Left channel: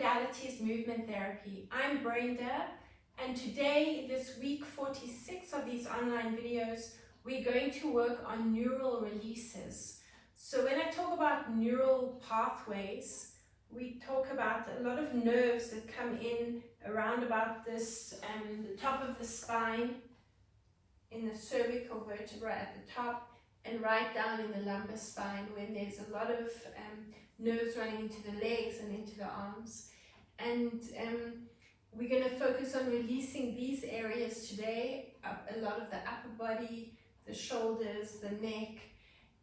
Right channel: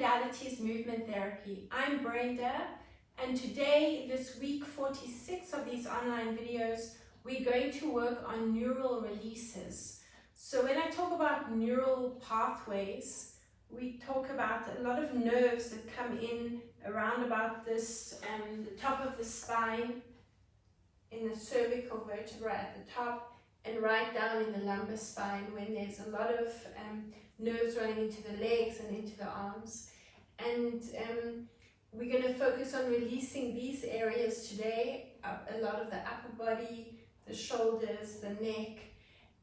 modality is movement therapy. I'm Brenda, and today, this week 46 of these online videos, we're going to work on neural releases. So when I talk about neural pathways, we talk about a lot of nerves that come in around about this, the top of the spine, in the cervical vertebra at the top, and right down in the lumbar spine when there's a lot of nerves running into the legs and into the arms. And we're going to focus on releasing these areas today, a lot of the upper body, the shoulders, the neck,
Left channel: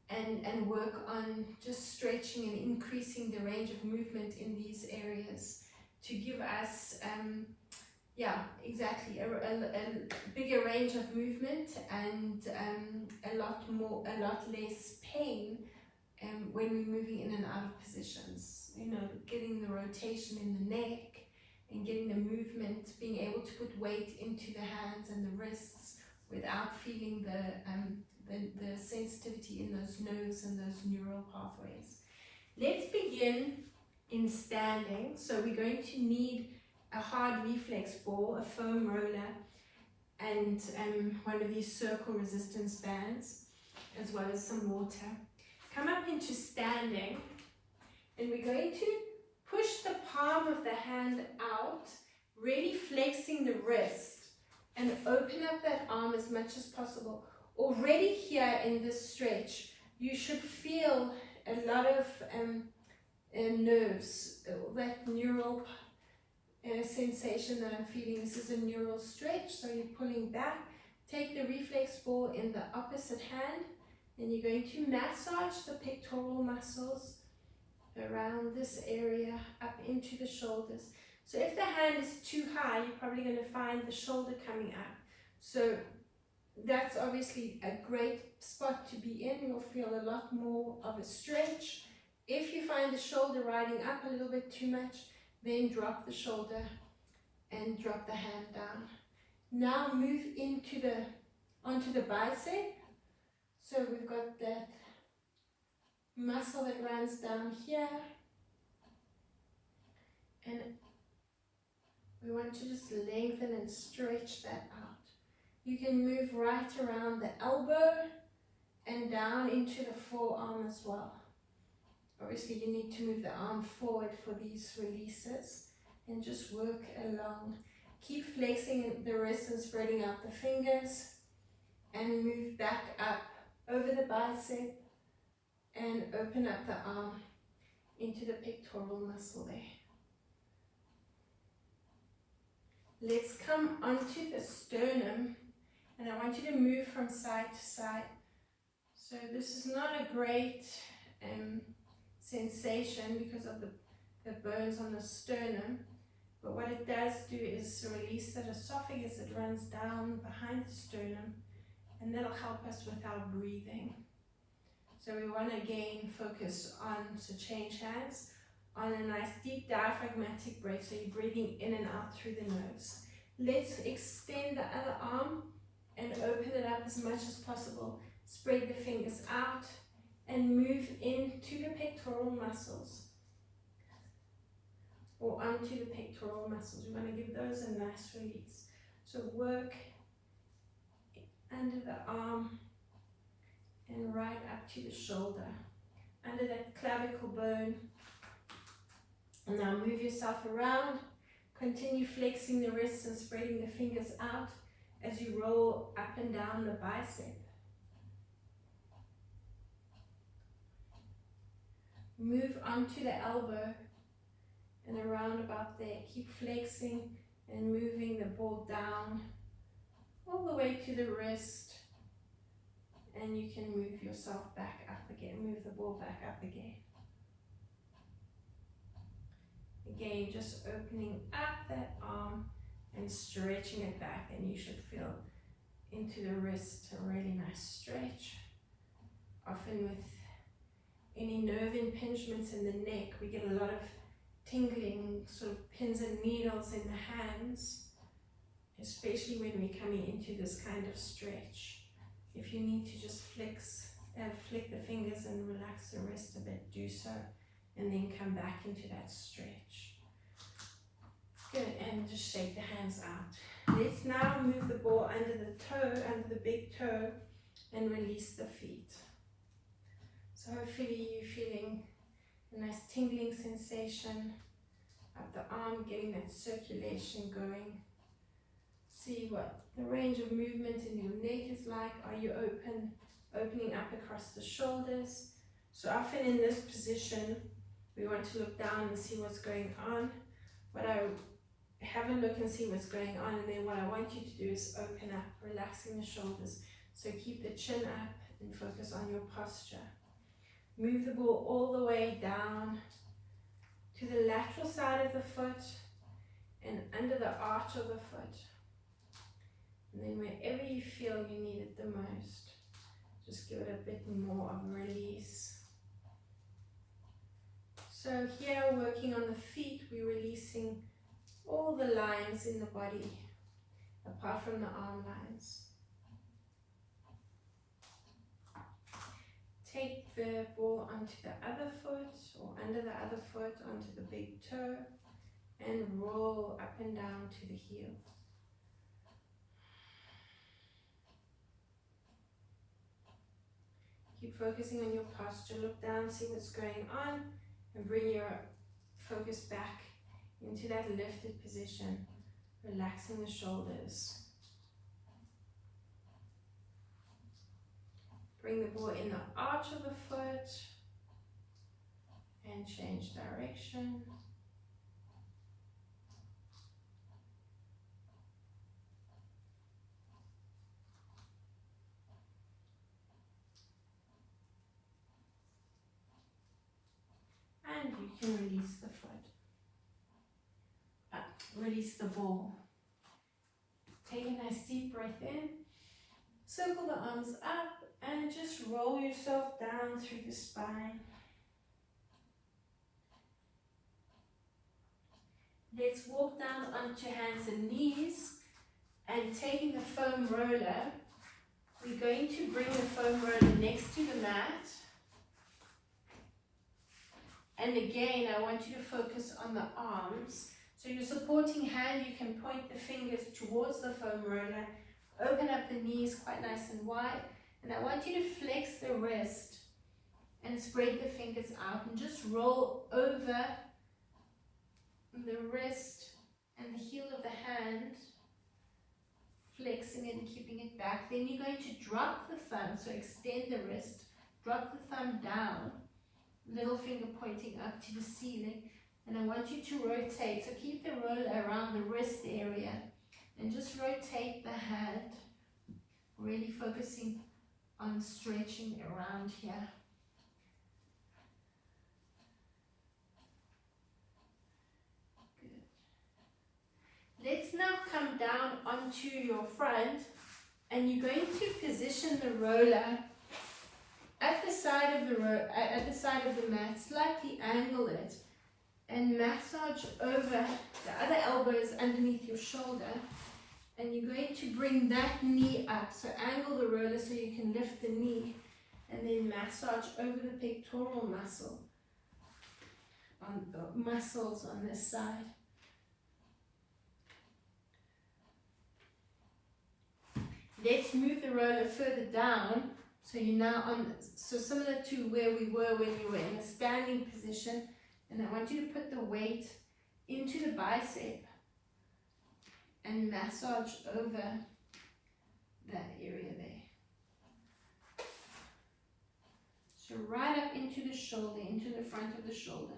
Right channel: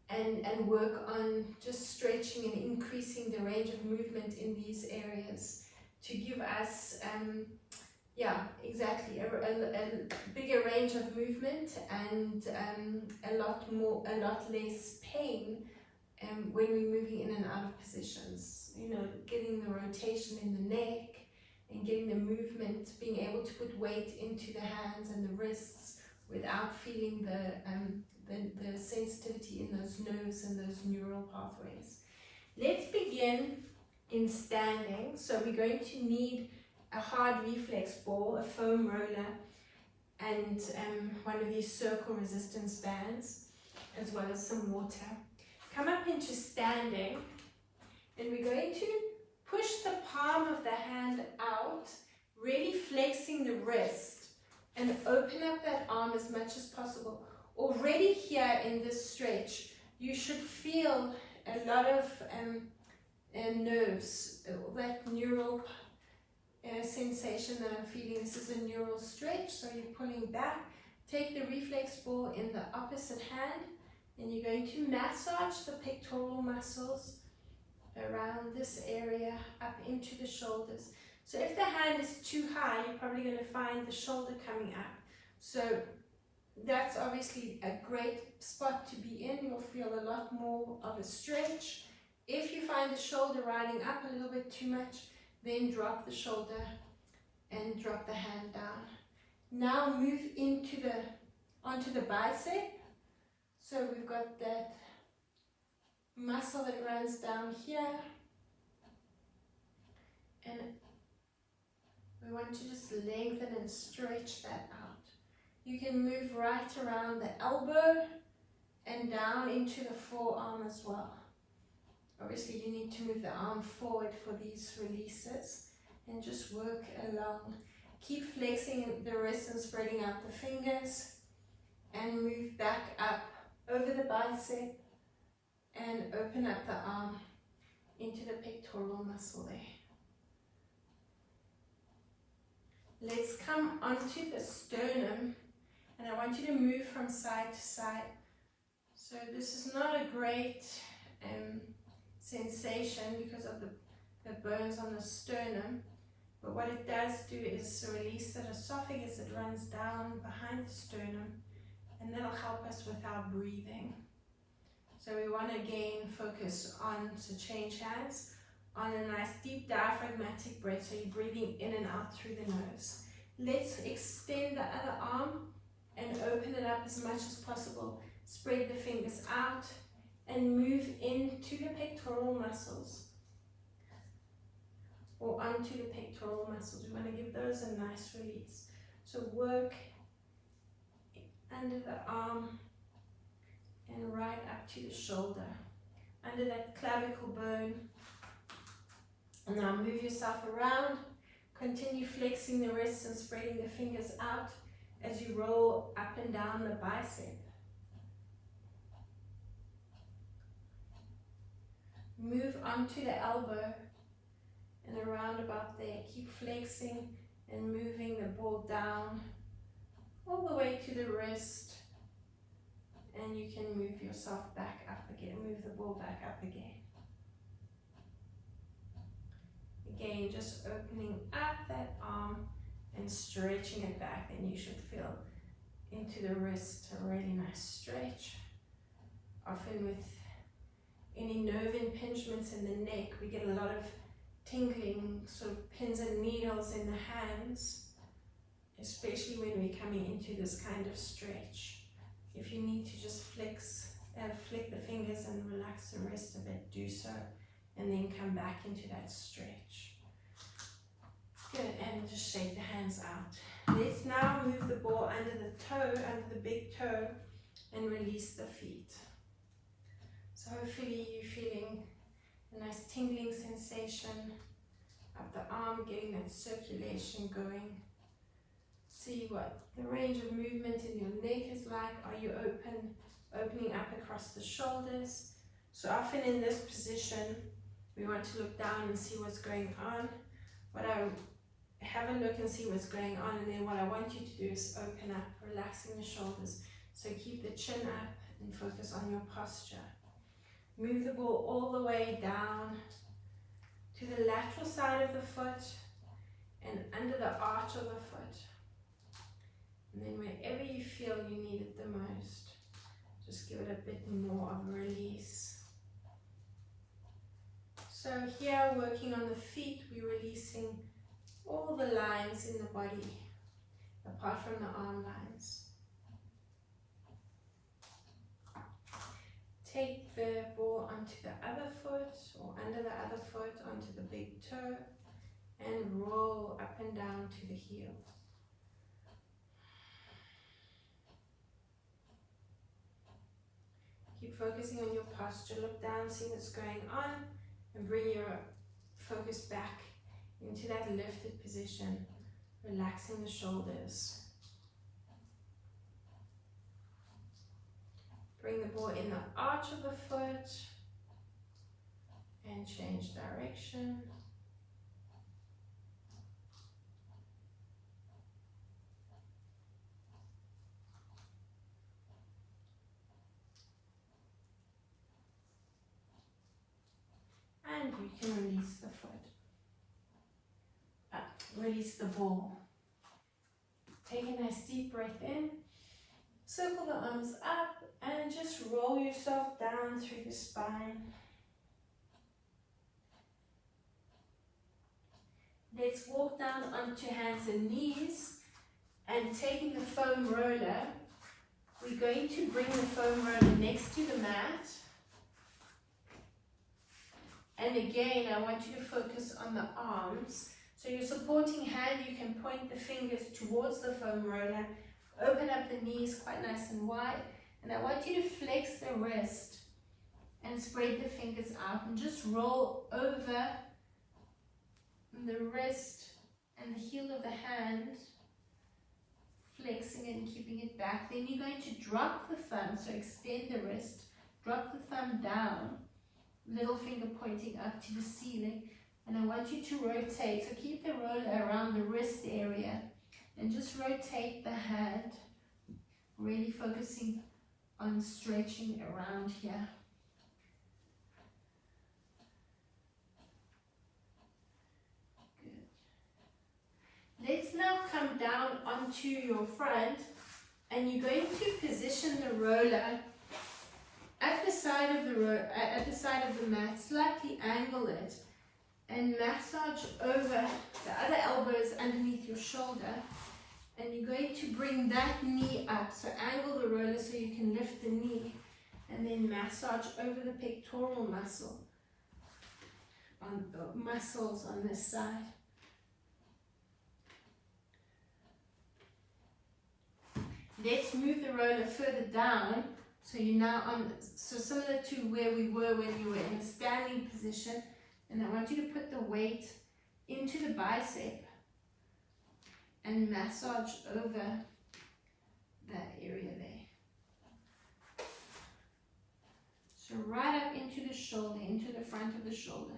and work on just stretching and increasing the range of movement in these areas to give us a bigger range of movement and a lot less pain when we're moving in and out of positions. You know, getting the rotation in the neck and getting the movement, being able to put weight into the hands and the wrists without feeling the sensitivity in those nerves and those neural pathways. Let's begin in standing. So we're going to need a hard reflex ball, a foam roller, and one of these circle resistance bands, as well as some water. Come up into standing, and we're going to push the palm of the hand out, really flexing the wrist, and open up that arm as much as possible. Already here in this stretch, you should feel a lot of nerves, that neural sensation that I'm feeling. This is a neural stretch, so you're pulling back. Take the reflex ball in the opposite hand, and you're going to massage the pectoral muscles around this area up into the shoulders. So if the hand is too high, you're probably going to find the shoulder coming up. So that's obviously a great spot to be in. You'll feel a lot more of a stretch. If you find the shoulder riding up a little bit too much, then drop the shoulder and drop the hand down. Now move onto the bicep. So we've got that muscle that runs down here, and we want to just lengthen and stretch that out. You can move right around the elbow and down into the forearm as well. Obviously you need to move the arm forward for these releases and just work along. Keep flexing the wrist and spreading out the fingers, and move back up over the bicep and open up the arm into the pectoral muscle there. Let's come onto the sternum, and I want you to move from side to side. So this is not a great sensation because of the burns on the sternum, but what it does do is release that esophagus that runs down behind the sternum, and that'll help us with our breathing. So we want to again focus on, so change hands, on a nice deep diaphragmatic breath, so you're breathing in and out through the nose. Let's extend the other arm and open it up as much as possible. Spread the fingers out and move into the pectoral muscles, or onto the pectoral muscles. We want to give those a nice release. So work under the arm and right up to the shoulder, under that clavicle bone. And now move yourself around. Continue flexing the wrists and spreading the fingers out as you roll up and down the bicep. Move onto the elbow and around about there. Keep flexing and moving the ball down all the way to the wrist, and you can move yourself back up again. Move the ball back up again. Again, just opening up that arm and stretching it back, and you should feel into the wrist a really nice stretch. Often with any nerve impingements in the neck, we get a lot of tingling, sort of pins and needles in the hands, especially when we're coming into this kind of stretch. If you need to just flick the fingers and relax the wrist a bit, do so, and then come back into that stretch. Good, and just shake the hands out. Let's now move the ball under the toe, under the big toe, and release the feet. So hopefully you're feeling a nice tingling sensation up the arm, getting that circulation going. See what the range of movement in your neck is like. Are you opening up across the shoulders? So often in this position, we want to look down and see what's going on. Have a look and see what's going on, and then what I want you to do is open up, relaxing the shoulders. So keep the chin up and focus on your posture. Move the ball all the way down to the lateral side of the foot and under the arch of the foot. And then wherever you feel you need it the most, just give it a bit more of a release. So here, working on the feet, we're releasing all the lines in the body, apart from the arm lines. Take the ball onto the other foot, or under the other foot, onto the big toe, and roll up and down to the heel. Keep focusing on your posture. Look down, see what's going on, and bring your focus back into that lifted position, relaxing the shoulders. Bring the ball in the arch of the foot and change direction. And you can release the foot. Release the ball. Take a nice deep breath in. Circle the arms up and just roll yourself down through the spine. Let's walk down onto hands and knees, and taking the foam roller, we're going to bring the foam roller next to the mat. And again, I want you to focus on the arms. So your supporting hand, you can point the fingers towards the foam roller, open up the knees quite nice and wide, and I want you to flex the wrist and spread the fingers out and just roll over the wrist and the heel of the hand, flexing it and keeping it back. Then you're going to drop the thumb, so extend the wrist, drop the thumb down, little finger pointing up to the ceiling, and I want you to rotate. So keep the roller around the wrist area and just rotate the hand, really focusing on stretching around here. Good. Let's now come down onto your front, and you're going to position the roller at the side of the mat, slightly angle it, and massage over the other elbows underneath your shoulder. And you're going to bring that knee up, so angle the roller so you can lift the knee, and then massage over the pectoral muscle, on the muscles on this side. Let's move the roller further down. So you're now on, so similar to where we were when you were in a standing position, and I want you to put the weight into the bicep and massage over that area there. So right up into the shoulder, into the front of the shoulder.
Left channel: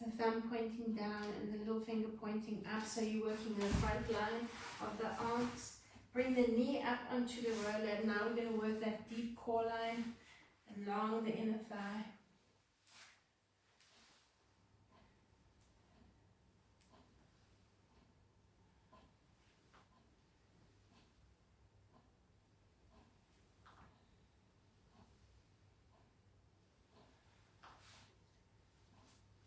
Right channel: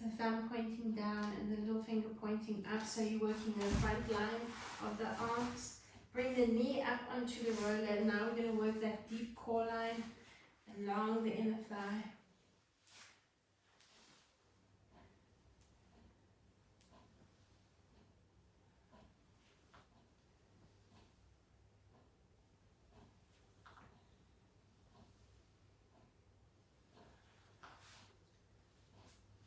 The thumb pointing down and the little finger pointing up, so you're working the front line of the arms. Bring the knee up onto the roller, and now we're going to work that deep core line along the inner thigh.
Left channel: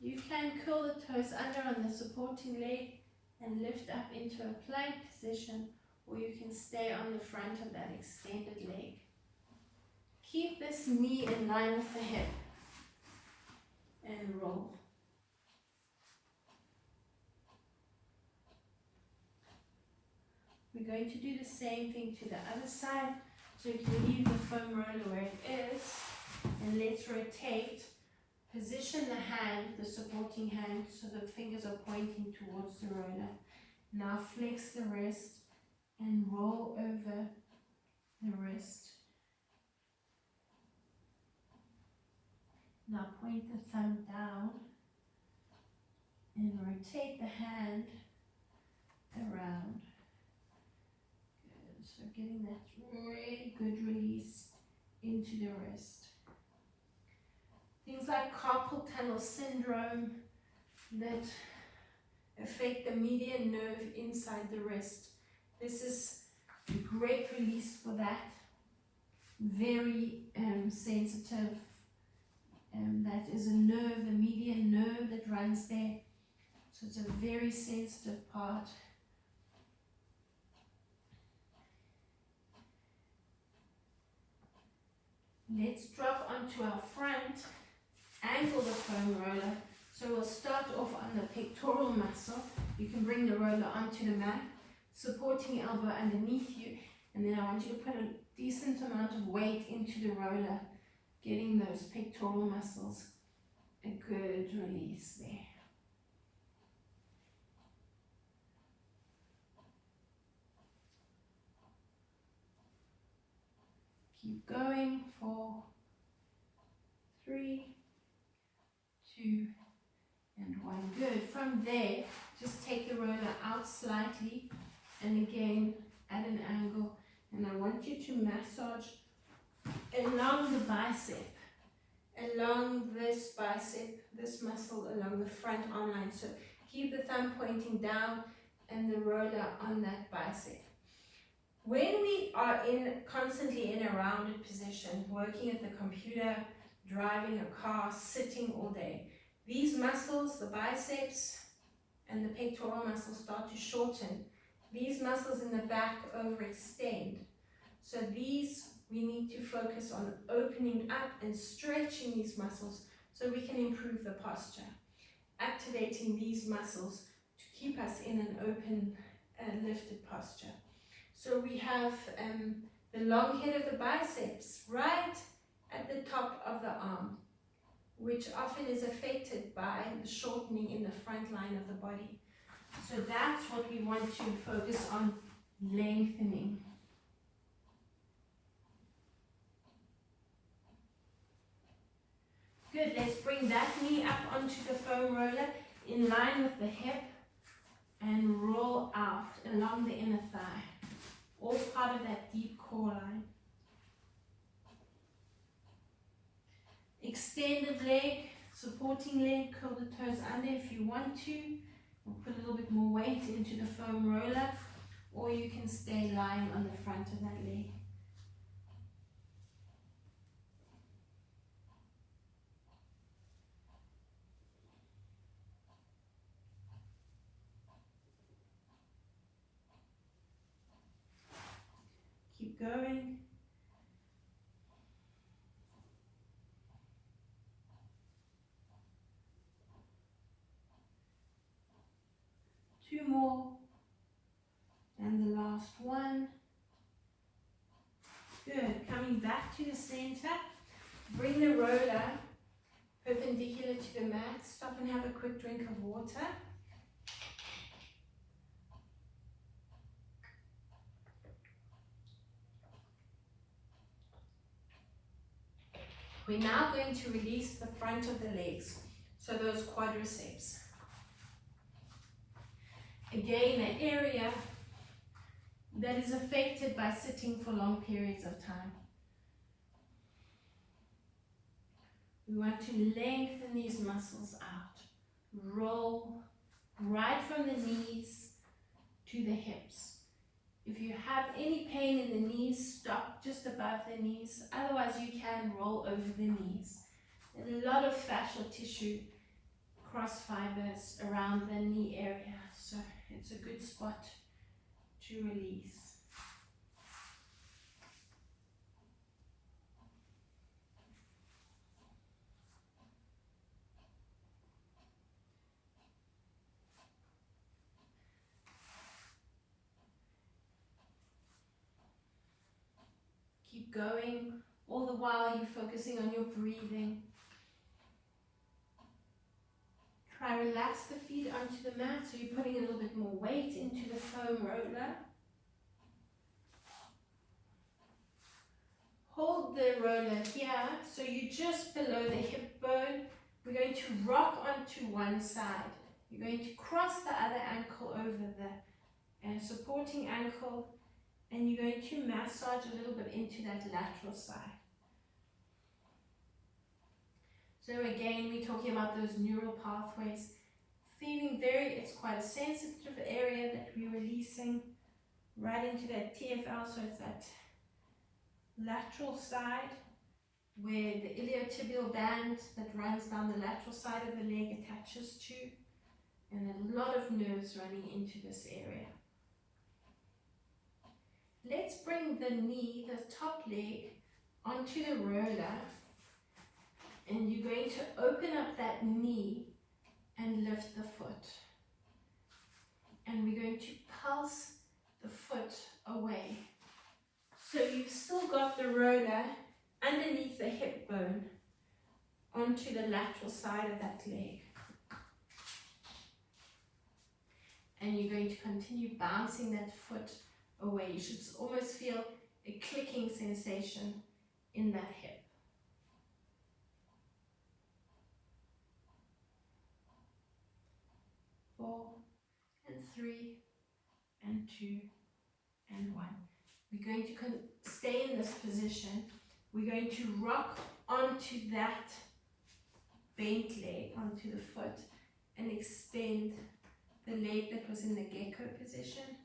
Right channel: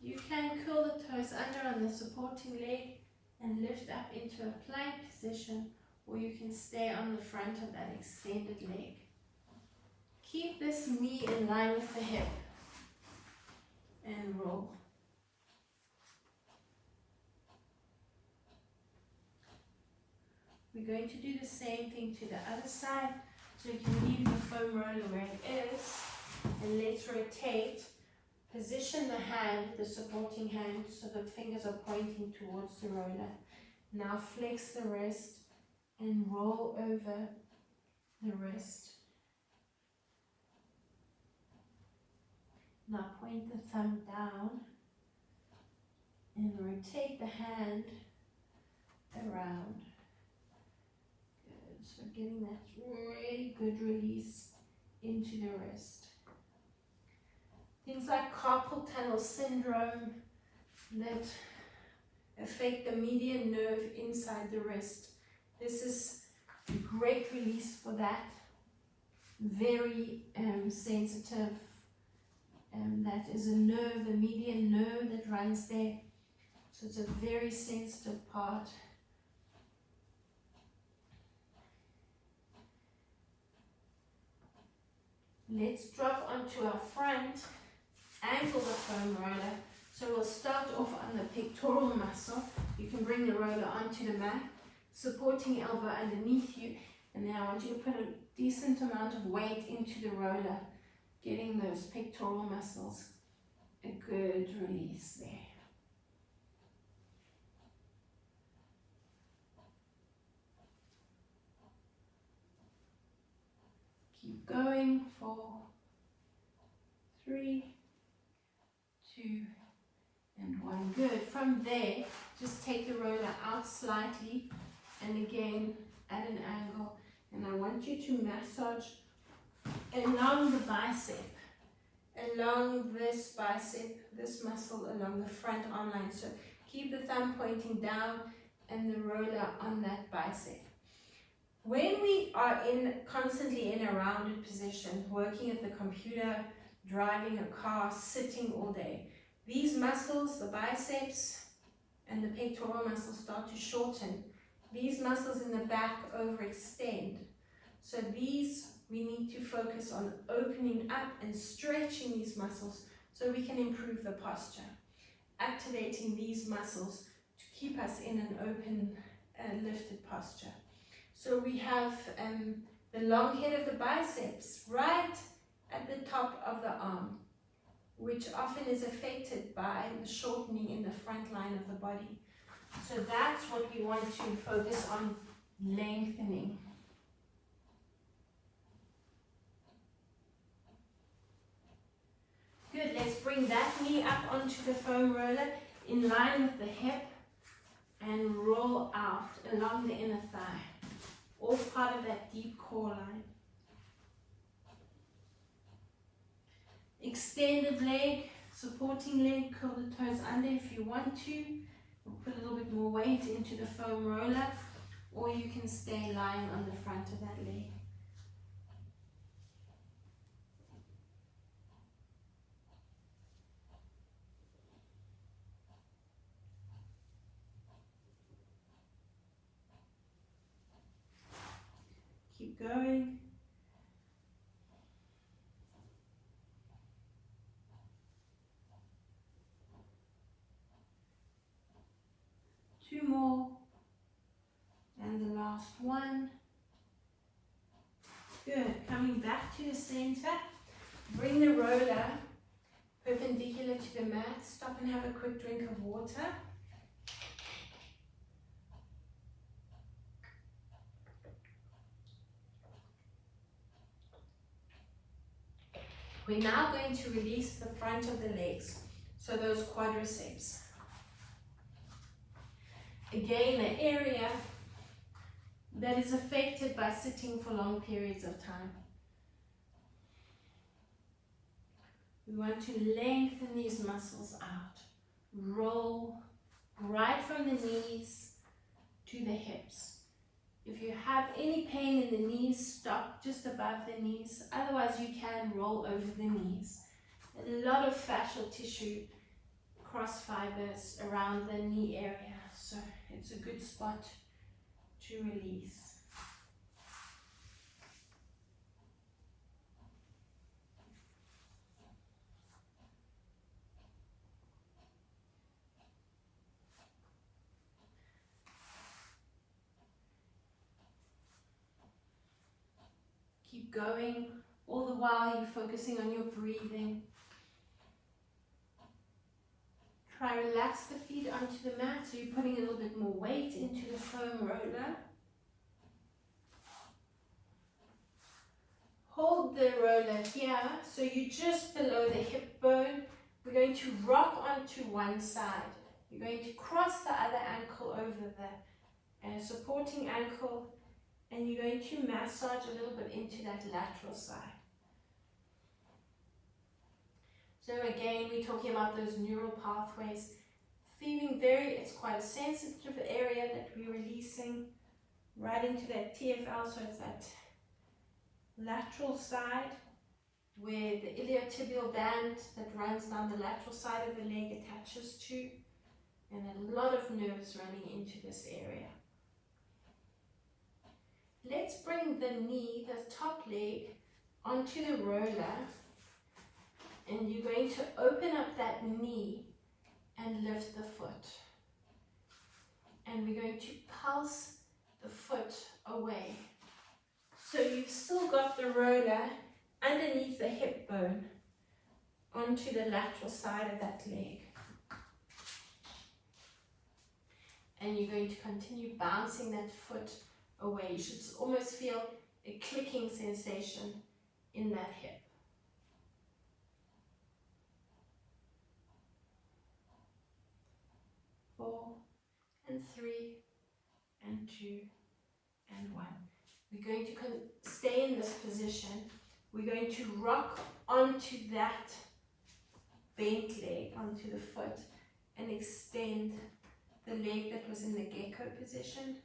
You can curl the toes under on the supporting leg and lift up into a plank position, or you can stay on the front of that extended leg. Keep this knee in line with the hip and roll. We're going to do the same thing to the other side. So you can leave the foam roller where it is, and let's rotate. Position the hand, the supporting hand, so the fingers are pointing towards the roller. Now flex the wrist and roll over the wrist. Now point the thumb down and rotate the hand around. Good. So getting that really good release into the wrist. Things like carpal tunnel syndrome that affect the median nerve inside the wrist. This is a great release for that. Very sensitive. That is a nerve, a median nerve that runs there. So it's a very sensitive part. Let's drop onto our front, angle the foam roller. So we'll start off on the pectoral muscle. You can bring the roller onto the mat, supporting elbow underneath you, and then I want you to put a decent amount of weight into the roller, getting those pectoral muscles a good release there. Keep going. 4, 3, 2, and 1. Good. From there, just take the roller out slightly, and again at an angle. And I want you to massage along the bicep, along this bicep, this muscle along the front arm line. So keep the thumb pointing down and the roller on that bicep. When we are constantly in a rounded position, working at the computer, driving a car, sitting all day, these muscles, the biceps and the pectoral muscles, start to shorten. These muscles in the back overextend. So these, we need to focus on opening up and stretching these muscles so we can improve the posture. Activating these muscles to keep us in an open, lifted posture. So we have the long head of the biceps right at the top of the arm, which often is affected by the shortening in the front line of the body. So that's what we want to focus on, lengthening. Good, let's bring that knee up onto the foam roller in line with the hip and roll out along the inner thigh, all part of that deep core line. Extended leg, supporting leg, curl the toes under if you want to, or put a little bit more weight into the foam roller, or you can stay lying on the front of that leg. Keep going. Two more. And the last one. Good. Coming back to the center. Bring the roller perpendicular to the mat. Stop and have a quick drink of water. We're now going to release the front of the legs, so those quadriceps. Again, an area that is affected by sitting for long periods of time. We want to lengthen these muscles out. Roll right from the knees to the hips. If you have any pain in the knees, stop just above the knees. Otherwise, you can roll over the knees. A lot of fascial tissue cross fibers around the knee area, so it's a good spot to release. Keep going, all the while you're focusing on your breathing. Try relax the feet onto the mat, so you're putting a little bit more weight into the foam roller. Hold the roller here, so you're just below the hip bone. We're going to rock onto one side. You're going to cross the other ankle over the supporting ankle, and you're going to massage a little bit into that lateral side. So again, we're talking about those neural pathways. Feeling it's quite a sensitive area that we're releasing right into that TFL, so it's that lateral side where the iliotibial band that runs down the lateral side of the leg attaches to, and a lot of nerves running into this area. Let's bring the knee, the top leg, onto the roller, and you're going to open up that knee and lift the foot. And we're going to pulse the foot away. So you've still got the roller underneath the hip bone onto the lateral side of that leg. And you're going to continue bouncing that foot away. You should almost feel a clicking sensation in that hip. 4 and 3 and 2 and 1. We're going to stay in this position. We're going to rock onto that bent leg, onto the foot, and extend the leg that was in the gecko position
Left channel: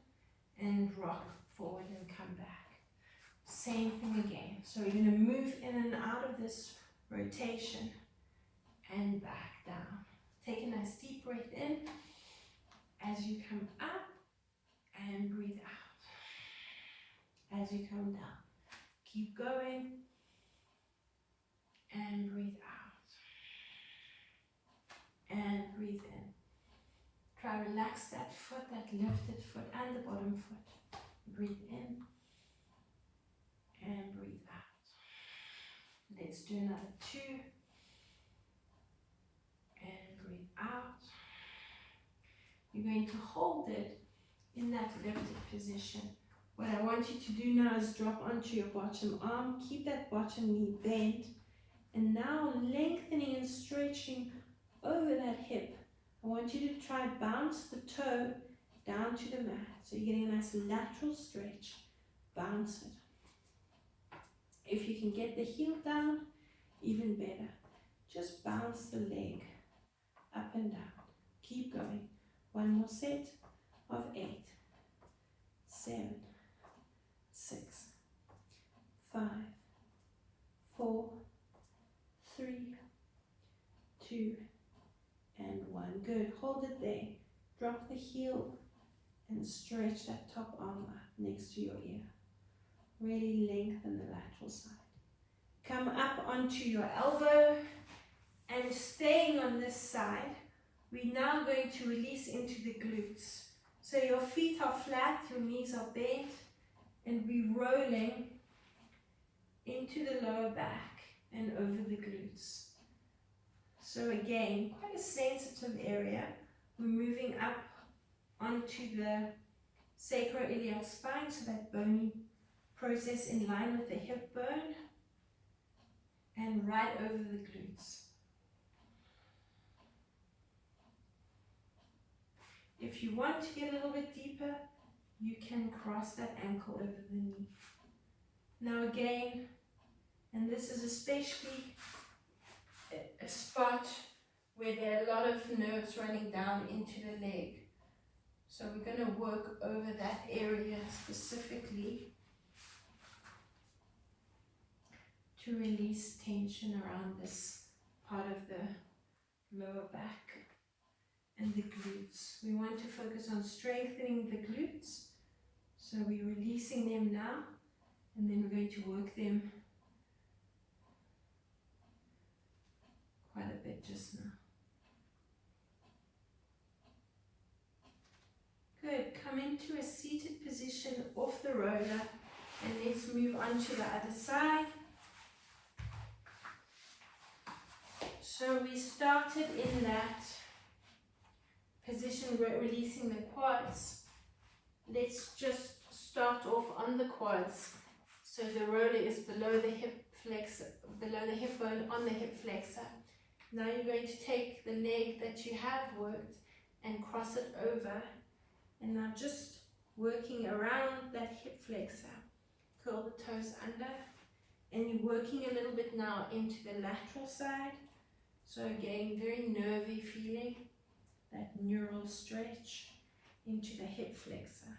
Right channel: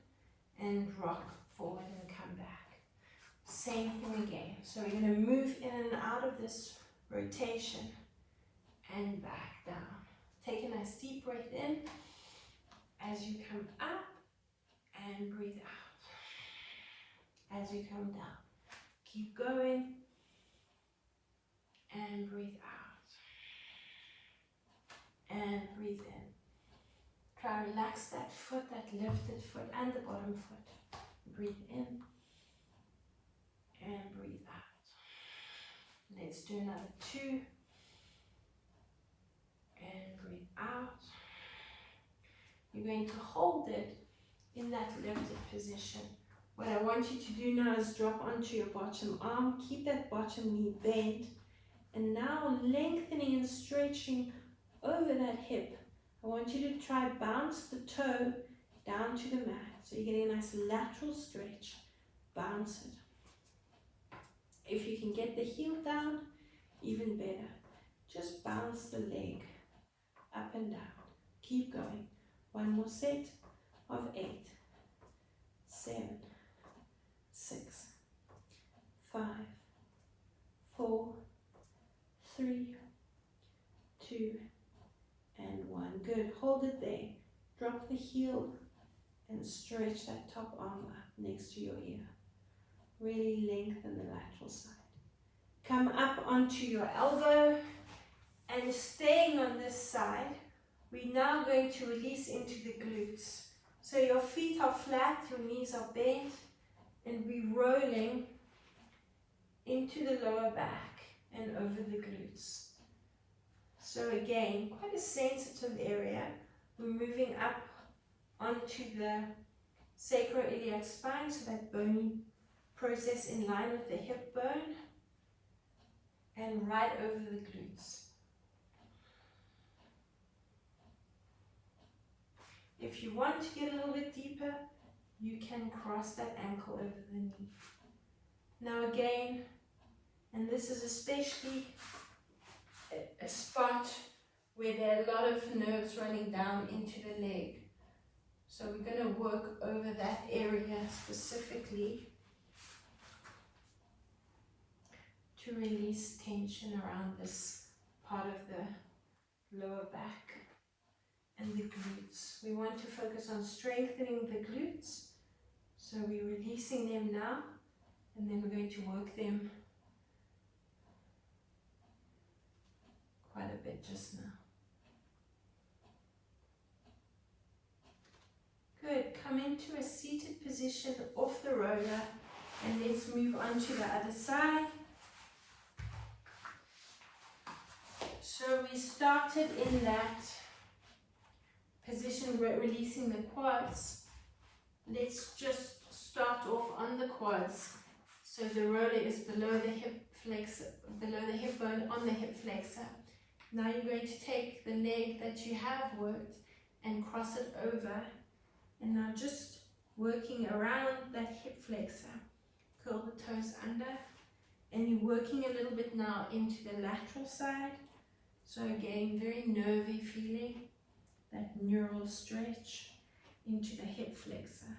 and rock forward and come back. Same thing again. So we're going to move in and out of this rotation and back down. Take a nice deep breath in as you come up and breathe out as you come down. Keep going and breathe out and breathe in. Try to relax that foot, that lifted foot and the bottom foot. Breathe in and breathe out. Let's do another 2 and breathe out. You're going to hold it in that lifted position. What I want you to do now is drop onto your bottom arm, keep that bottom knee bent, and now lengthening and stretching over that hip. I want you to try bounce the toe down to the mat. So you're getting a nice lateral stretch. Bounce it. If you can get the heel down, even better. Just bounce the leg up and down. Keep going. One more set of 8, 7, 6, 5, 4, 3, 2, and 1. Good. Hold it there. Drop the heel and stretch that top arm up next to your ear. Really lengthen the lateral side. Come up onto your elbow and staying on this side, we're now going to release into the glutes. So your feet are flat, your knees are bent, and we're rolling into the lower back and over the glutes. So again, quite a sensitive area. We're moving up onto the sacroiliac spine, so that bony process in line with the hip bone, and right over the glutes. If you want to get a little bit deeper, you can cross that ankle over the knee. Now again, and this is especially a spot where there are a lot of nerves running down into the leg. So we're going to work over that area specifically to release tension around this part of the lower back and the glutes. We want to focus on strengthening the glutes. So we're releasing them now, and then we're going to work them quite a bit just now. Good. Come into a seated position off the roller, and let's move on to the other side. So we started in that position, we're releasing the quads. Let's just start off on the quads. So the roller is below the hip flexor, below the hip bone, on the hip flexor. Now you're going to take the leg that you have worked and cross it over. And now just working around that hip flexor. Curl the toes under. And you're working a little bit now into the lateral side. So again, very nervy feeling. That neural stretch into the hip flexor.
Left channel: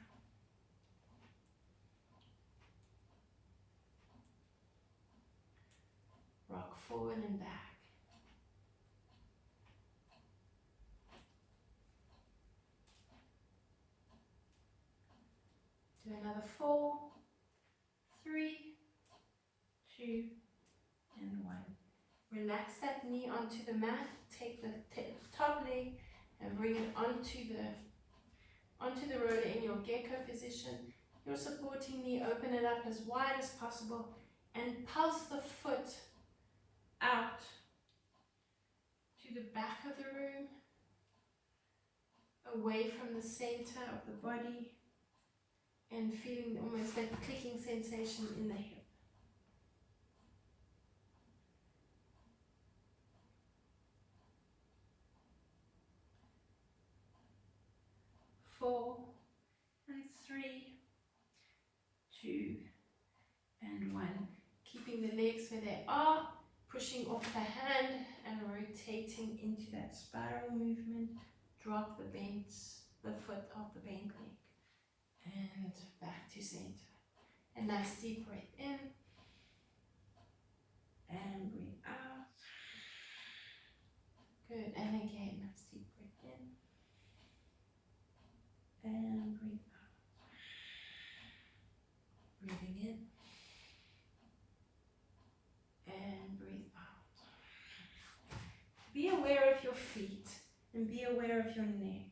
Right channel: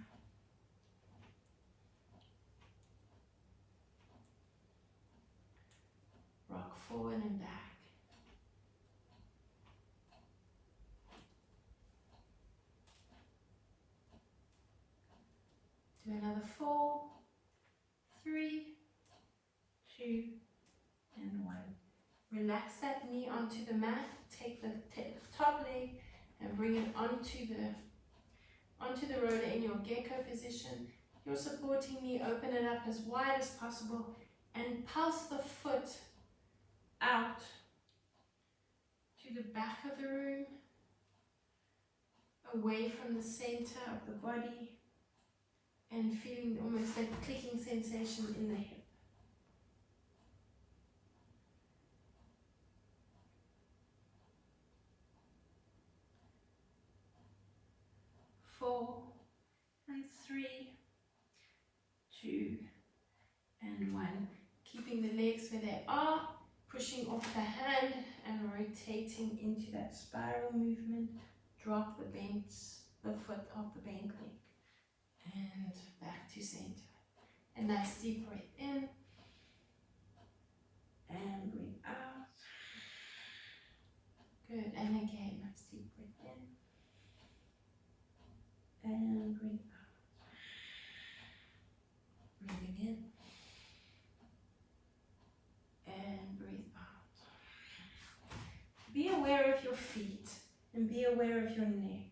Rock forward and back. Do another 4, 3, 2, and 1. Relax that knee onto the mat. Take the top leg and bring it onto the roller in your gecko position. You're supporting me. Open it up as wide as possible and pulse the foot out to the back of the room, away from the center of the body, and feeling almost that clicking sensation in the hip. 4, and 3, 2, and 1. Keeping the legs where they are, pushing off the hand and rotating into that spiral movement. Drop the foot off the bent leg and back to center. A nice deep breath in and breathe out. Good, and again, nice deep breath in and breathe out. Breathing in and breathe out. Be aware of your feet and be aware of your neck.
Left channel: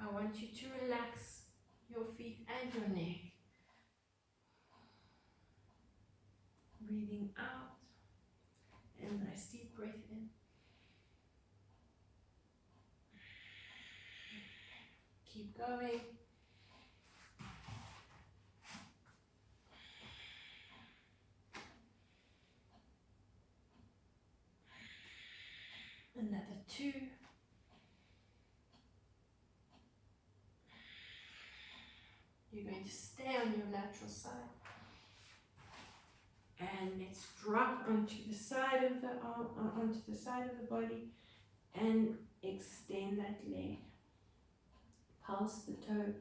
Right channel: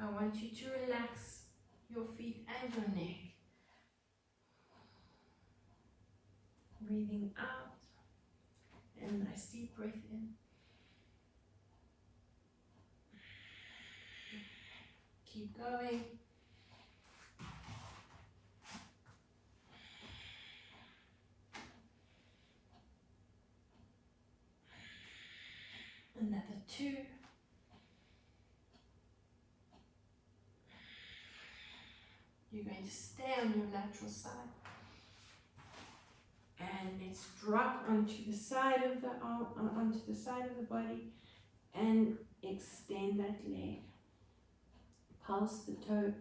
I want you to relax your feet and your neck. Breathing out and nice deep breath in. Keep going. Another 2. You're going to stay on your lateral side. And let's drop onto the side of the arm, onto the side of the body, and extend that leg. Pulse the toe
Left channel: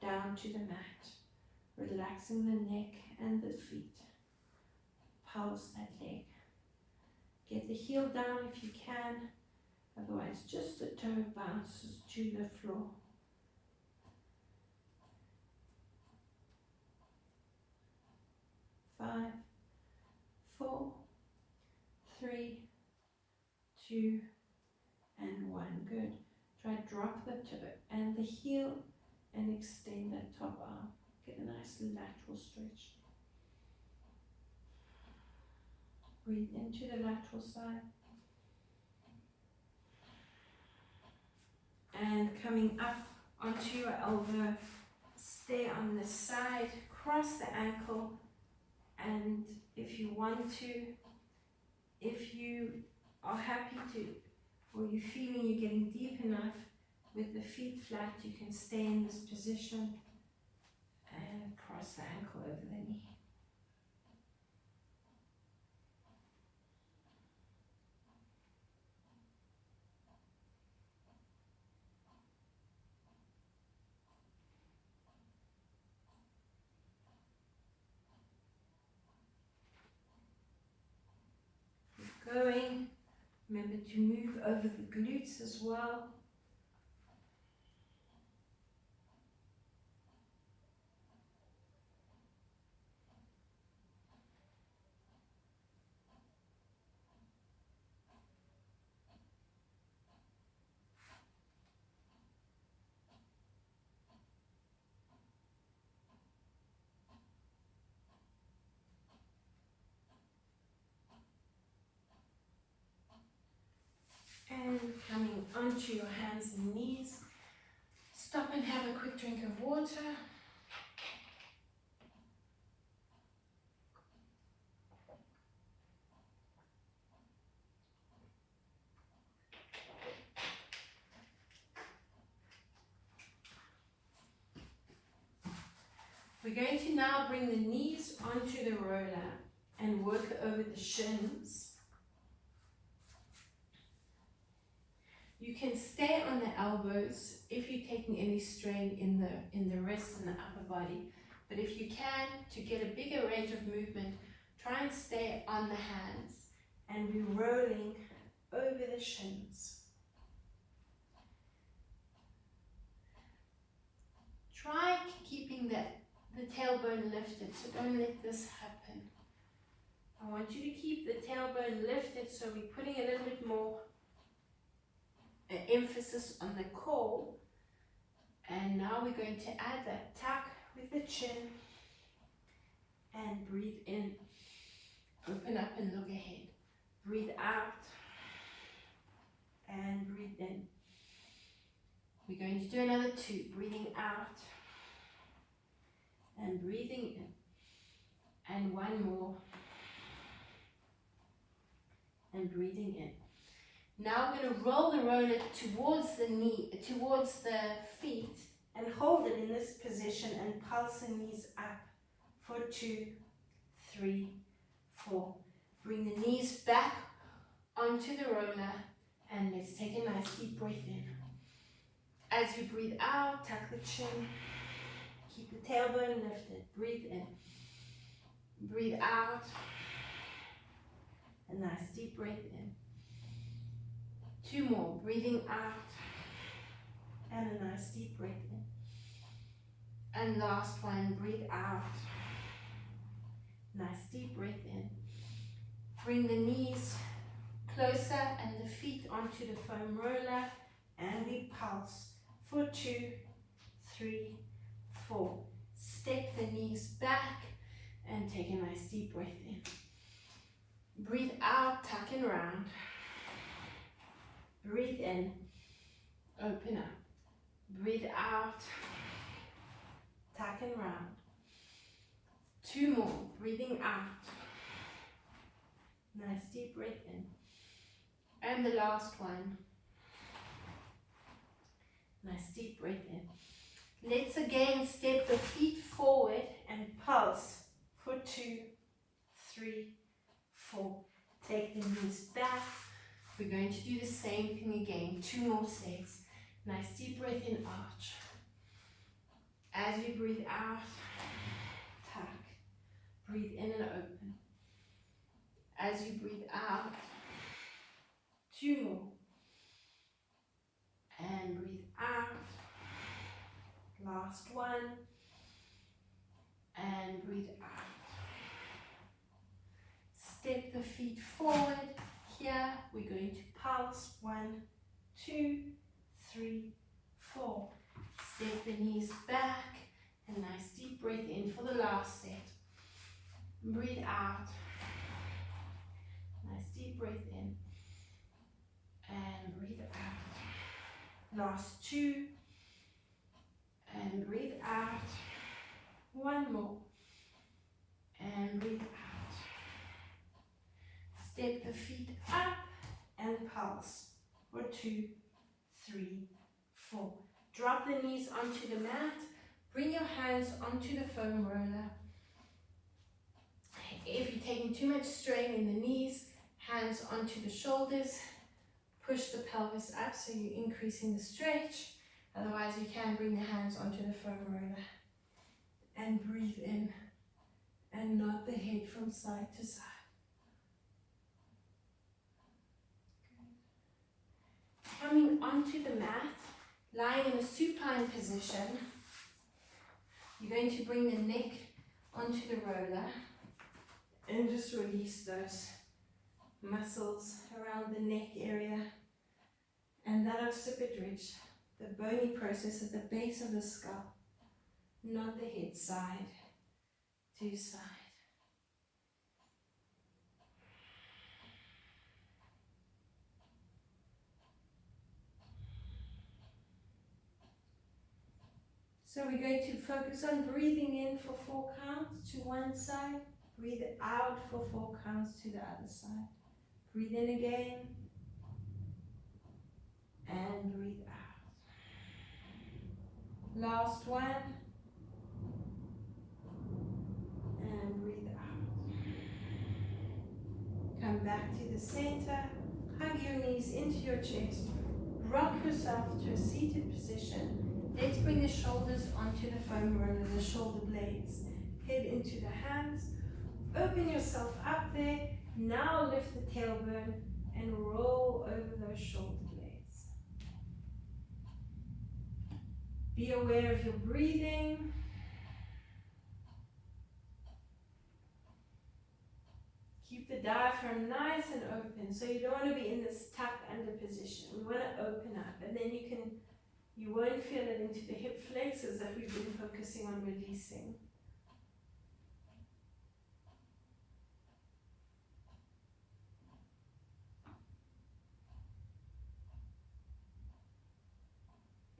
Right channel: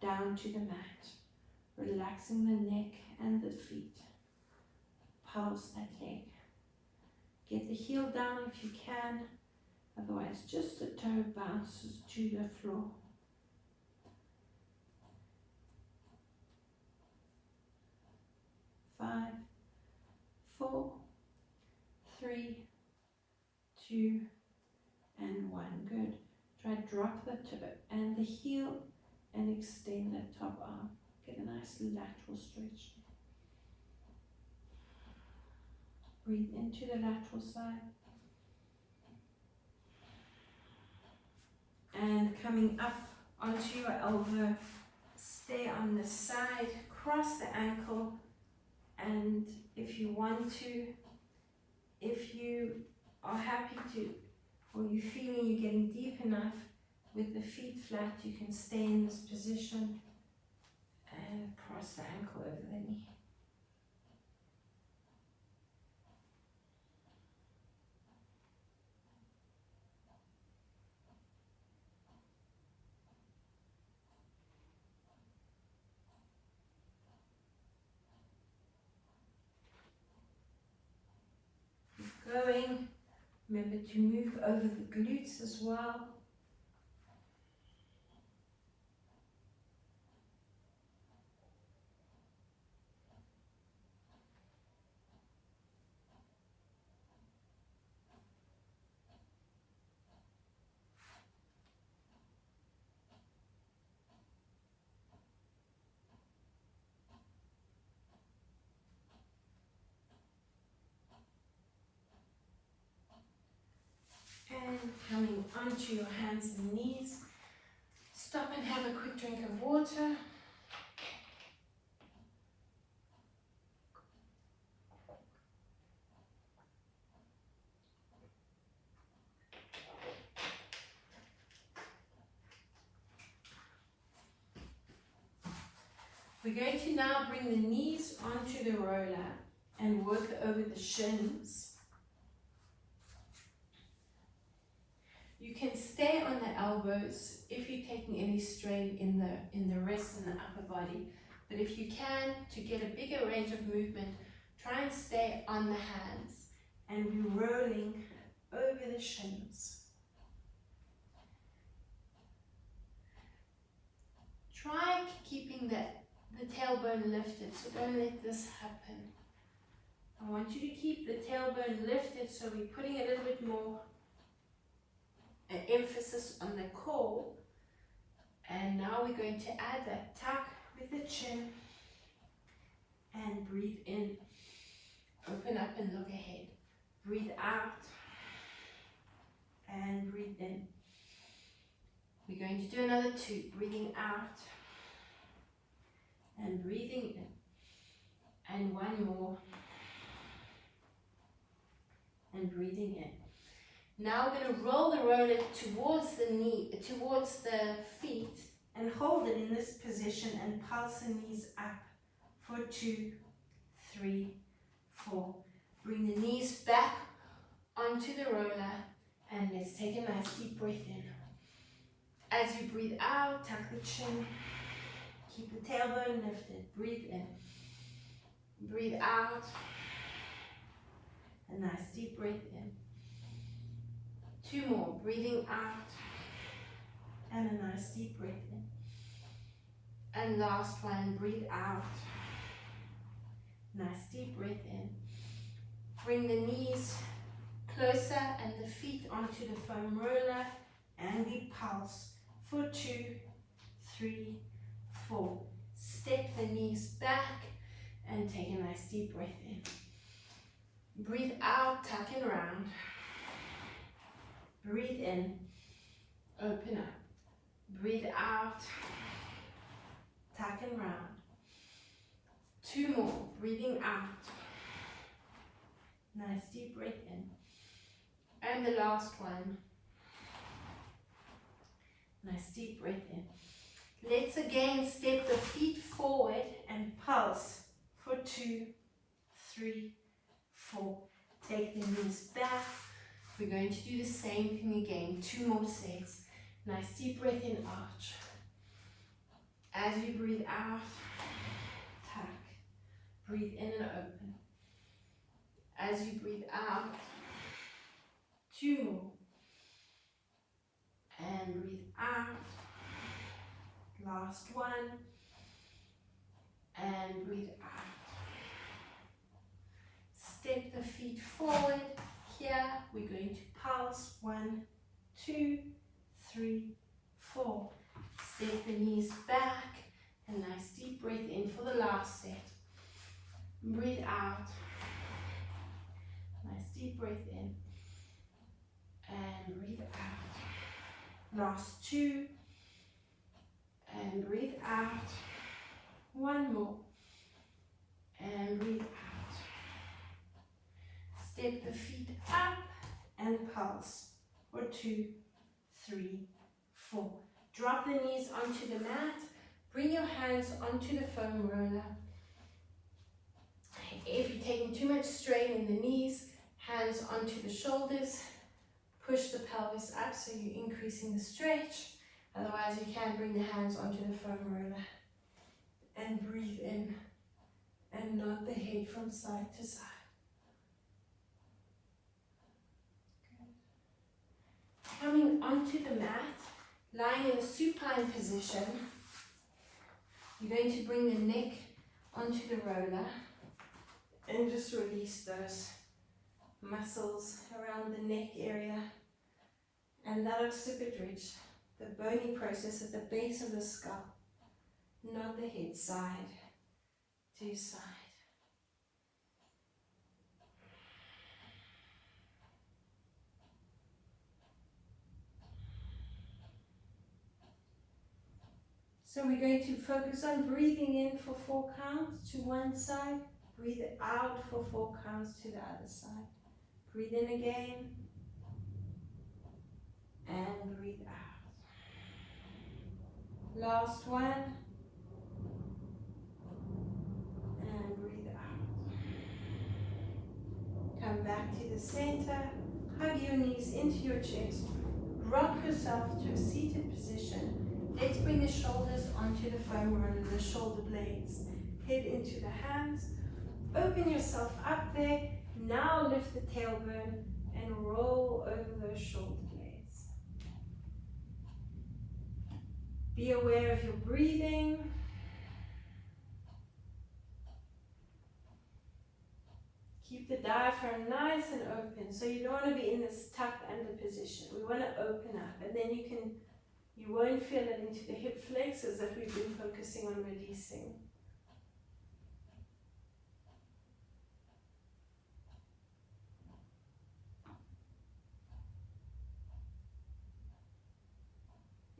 down to the mat, relaxing the neck and the feet. Pulse that leg. Get the heel down if you can, otherwise just the toe bounces to the floor. 5, 4, 3, 2, and 1. Good. Try drop the toe and the heel and extend that top arm. Get a nice lateral stretch. Breathe into the lateral side. And coming up onto your elbow, stay on the side, cross the ankle, and if you want to, if you are happy to, or you're feeling you're getting deep enough with the feet flat, you can stay in this position and cross the ankle over the knee. Keep going. Remember to move over the glutes as well. onto your hands and knees. Stop and have a quick drink of water. We're going to now bring the knees onto the roller and work over the shins. You can stay on the elbows if you're taking any strain in the wrists and the upper body. But if you can, to get a bigger range of movement, try and stay on the hands and be rolling over the shins. Try keeping the tailbone lifted, so don't let this happen. I want you to keep the tailbone lifted, so we're putting a little bit more emphasis on the core. And now we're going to add that tuck with the chin and breathe in. Open up and look ahead. Breathe out and breathe in. We're going to do another 2. Breathing out and breathing in. And 1 more. And breathing in. Now we're going to roll the roller towards the knee, towards the feet, and hold it in this position and pulse the knees up for 2, 3, 4. Bring the knees back onto the roller, and let's take a nice deep breath in. As you breathe out, tuck the chin, keep the tailbone lifted, breathe in, breathe out, a nice deep breath in. 2 more, breathing out, and a nice deep breath in. And last one, breathe out, nice deep breath in. Bring the knees closer and the feet onto the foam roller, and we pulse for 2, 3, 4. Step the knees back and take a nice deep breath in. Breathe out, tuck and round. Breathe in, open up. Breathe out, tuck and round. 2 more, breathing out. Nice deep breath in. And the last one. Nice deep breath in. Let's again step the feet forward and pulse for 2, 3, 4. Take the knees back. We're going to do the same thing again. 2 more sets. Nice deep breath in, arch. As you breathe out, tuck. Breathe in and open. As you breathe out, 2 more. And breathe out. Last one. And breathe out. Step the feet forward. Here we're going to pulse 1, 2, 3, 4. Step the knees back. A nice deep breath in for the last set. Breathe out. Nice deep breath in. And breathe out. Last 2. And breathe out. 1 more. And breathe out. Step the feet up and pulse for 2, 3, 4. Drop the knees onto the mat. Bring your hands onto the foam roller. If you're taking too much strain in the knees, hands onto the shoulders. Push the pelvis up so you're increasing the stretch. Otherwise, you can bring the hands onto the foam roller. And breathe in and nod the head from side to side. Coming onto the mat, lying in a supine position, you're going to bring the neck onto the roller and just release those muscles around the neck area and that occiput ridge, the bony process at the base of the skull, not the head side to side. So we're going to focus on breathing in for 4 counts to one side, breathe out for 4 counts to the other side. Breathe in again, and breathe out. Last one, and breathe out. Come back to the center, hug your knees into your chest, rock yourself to a seated position. Let's bring the shoulders onto the foam roller, the shoulder blades. Head into the hands. Open yourself up there. Now lift the tailbone and roll over those shoulder blades. Be aware of your breathing. Keep the diaphragm nice and open. So you don't want to be in this tucked under position. We want to open up, and then you won't feel it into the hip flexors that we've been focusing on releasing.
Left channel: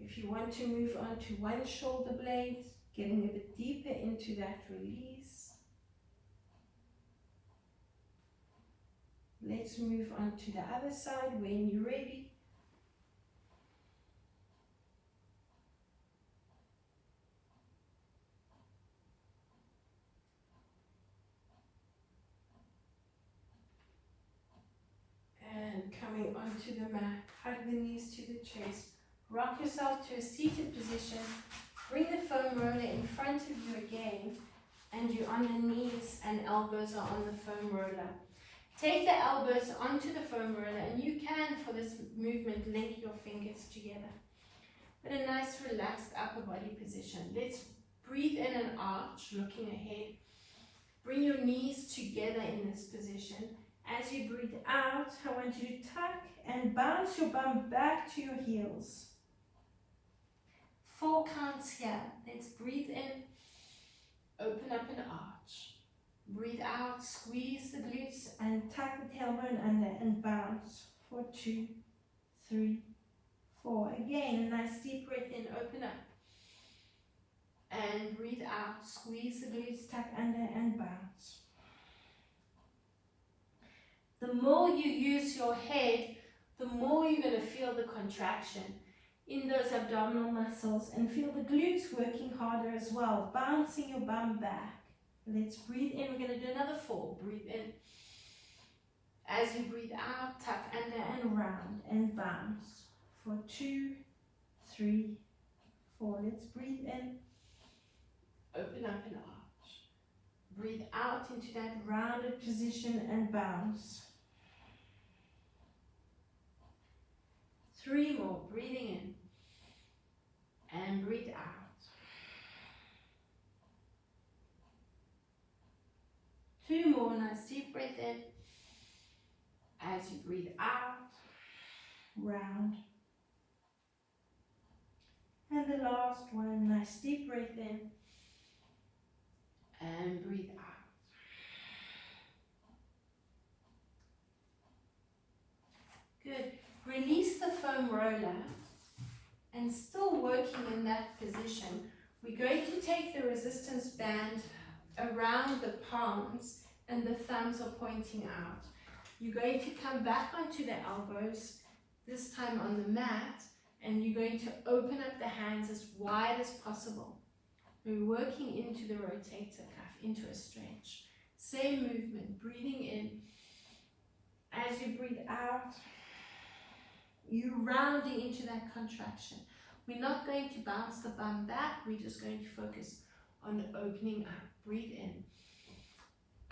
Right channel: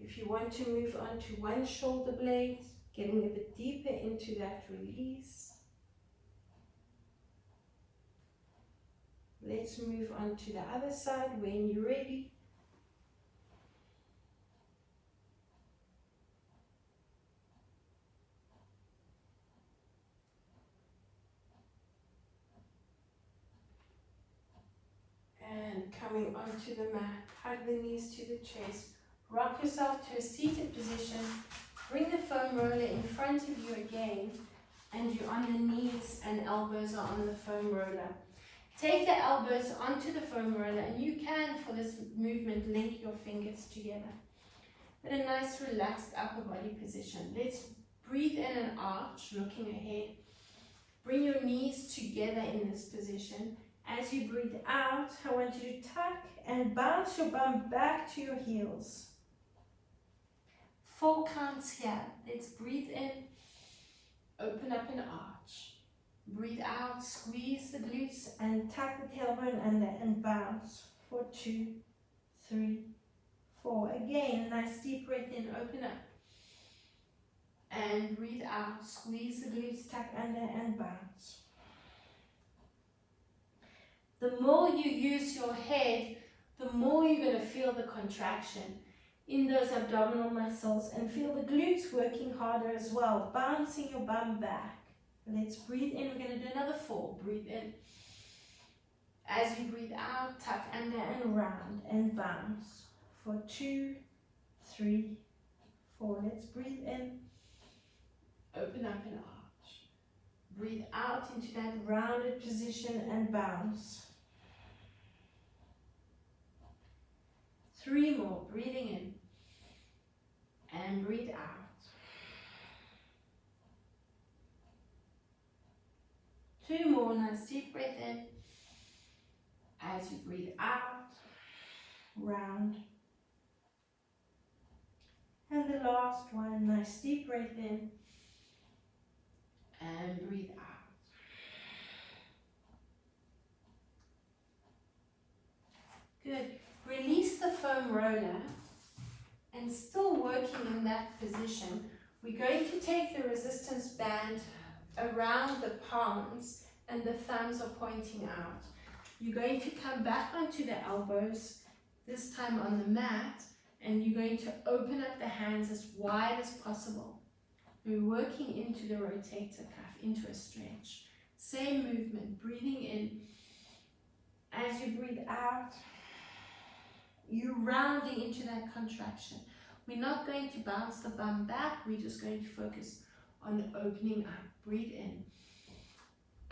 If you want to move on to one shoulder blade, getting a bit deeper into that release. Let's move on to the other side when you're ready. And coming onto the mat, hug the knees to the chest. Rock yourself to a seated position. Bring the foam roller in front of you again, and you're on the knees and elbows are on the foam roller. Take the elbows onto the foam roller, and you can, for this movement, link your fingers together. But a nice relaxed upper body position. Let's breathe in an arch, looking ahead. Bring your knees together in this position. As you breathe out, I want you to tuck and bounce your bum back to your heels. 4 counts here. Let's breathe in, open up an arch. Breathe out, squeeze the glutes and tuck the tailbone under and bounce for 2, 3, 4. Again, nice deep breath in, open up. And breathe out, squeeze the glutes, tuck under and bounce. The more you use your head, the more you're going to feel the contraction in those abdominal muscles and feel the glutes working harder as well, bouncing your bum back. Let's breathe in. We're going to do another 4. Breathe in. As you breathe out, tuck under and round and bounce for 2, 3, 4. Let's breathe in. Open up an arch. Breathe out into that rounded position and bounce. 3 more. Breathing in. And breathe out. 2 more. Nice deep breath in. As you breathe out, round. And the last one. Nice deep breath in. And breathe out. Good. Release the foam roller, and still working in that position, we're going to take the resistance band around the palms and the thumbs are pointing out. You're going to come back onto the elbows, this time on the mat, and you're going to open up the hands as wide as possible. We're working into the rotator cuff, into a stretch. Same movement, breathing in. As you breathe out, you're rounding into that contraction. We're not going to bounce the bum back, we're just going to focus on opening up. Breathe in.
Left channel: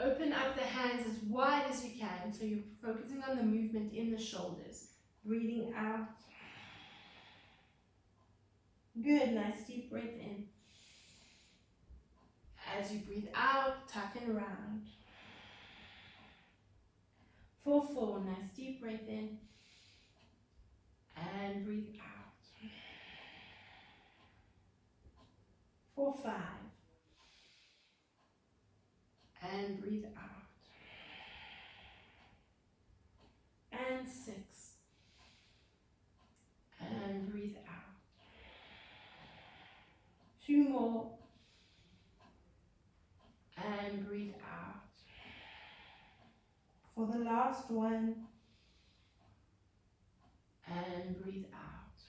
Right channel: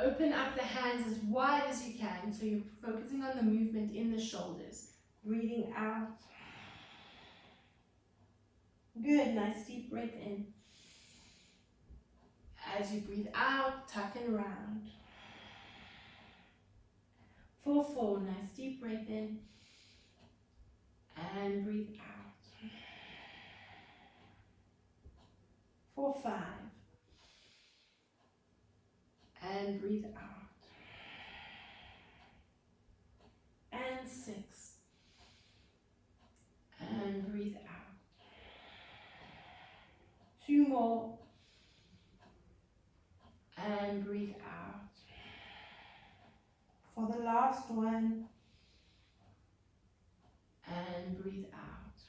Open up the hands as wide as you can, so you're focusing on the movement in the shoulders. Breathing out. Good, nice deep breath in. As you breathe out, tuck and round. For 4, nice deep breath in. And breathe out. For 5. And breathe out. And 6. And breathe out. 2 last one. And breathe out.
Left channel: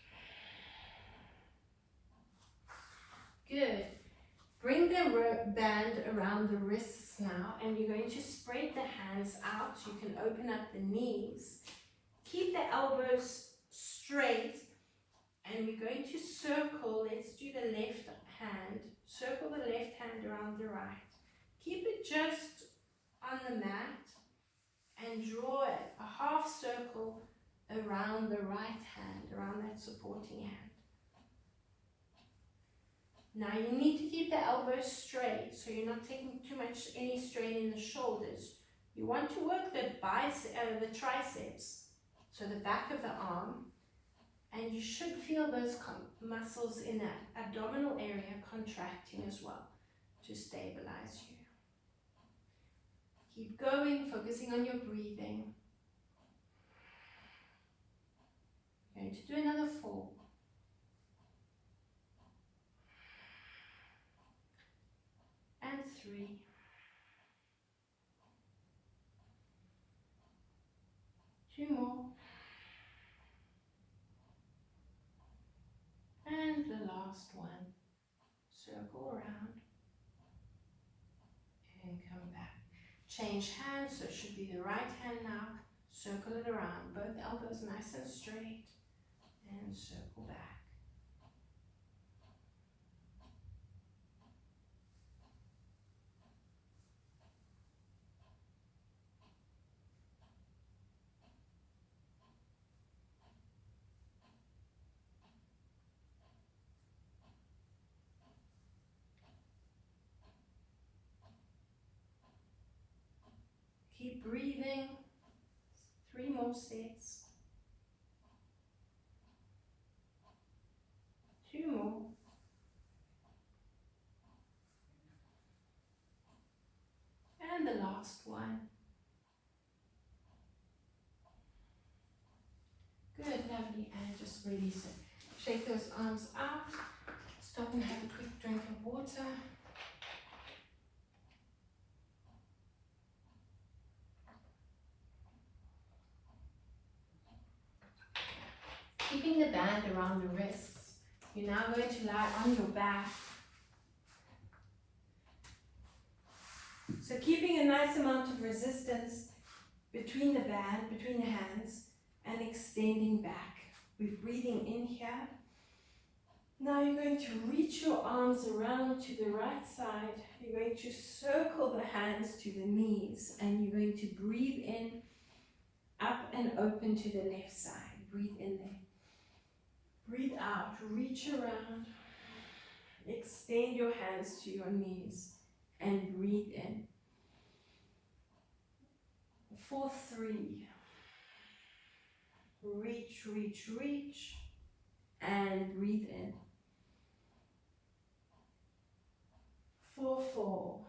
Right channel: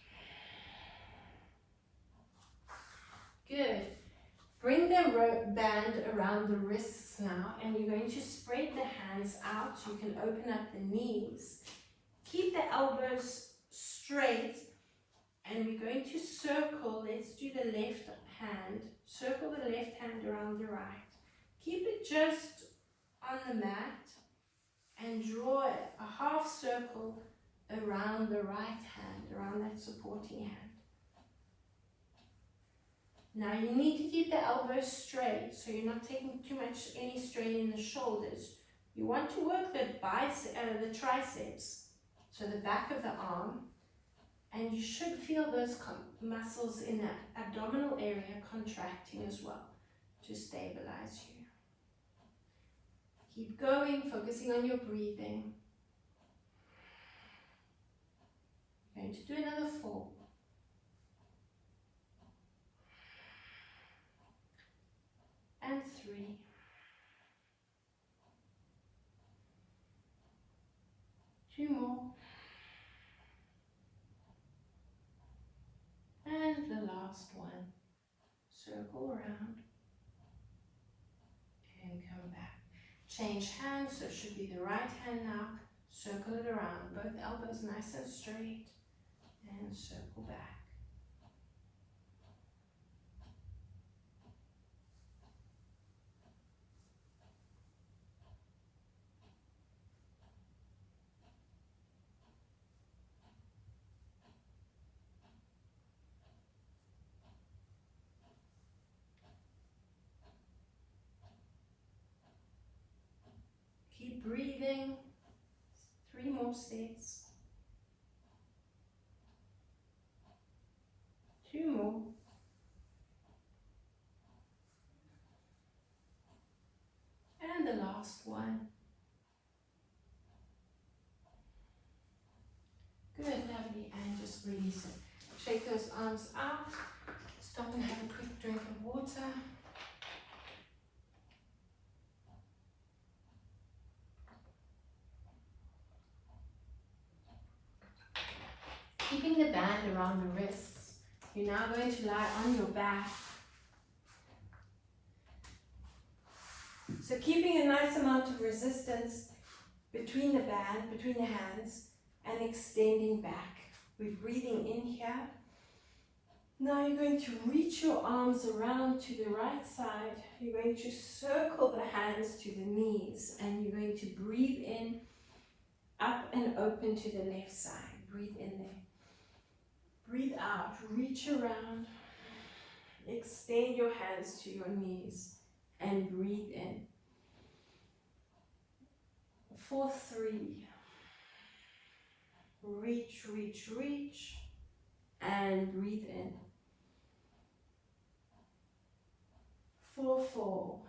Good. Bring the band around the wrists now, and you're going to spread the hands out. You can open up the knees. Keep the elbows straight, and we're going to circle. Let's do the left hand. Circle the left hand around the right. Keep it just on the mat, and draw a half circle around the right hand, around that supporting hand. Now you need to keep the elbows straight, so you're not taking too much, any strain in the shoulders. You want to work the triceps, so the back of the arm, and you should feel those muscles in that abdominal area contracting as well to stabilize you. Keep going, focusing on your breathing. Going to do another 4. And 3. 2 more. And the last one. Circle around. And come back. Change hands, so it should be the right hand now. Circle it around. Both elbows nice and straight. And circle back. Keep breathing. 3 more sets. 2 more. And the last one. Good, lovely. And just release it. Shake those arms out. Stop and have a quick drink of water. Keeping the band around the wrists. You're now going to lie on your back. So keeping a nice amount of resistance between the band, between the hands, and extending back. We're breathing in here. Now you're going to reach your arms around to the right side. You're going to circle the hands to the knees, and you're going to breathe in, up and open to the left side. Breathe in there. Breathe out, reach around, extend your hands to your knees, and breathe in. For 3. Reach, reach, reach, and breathe in. For 4.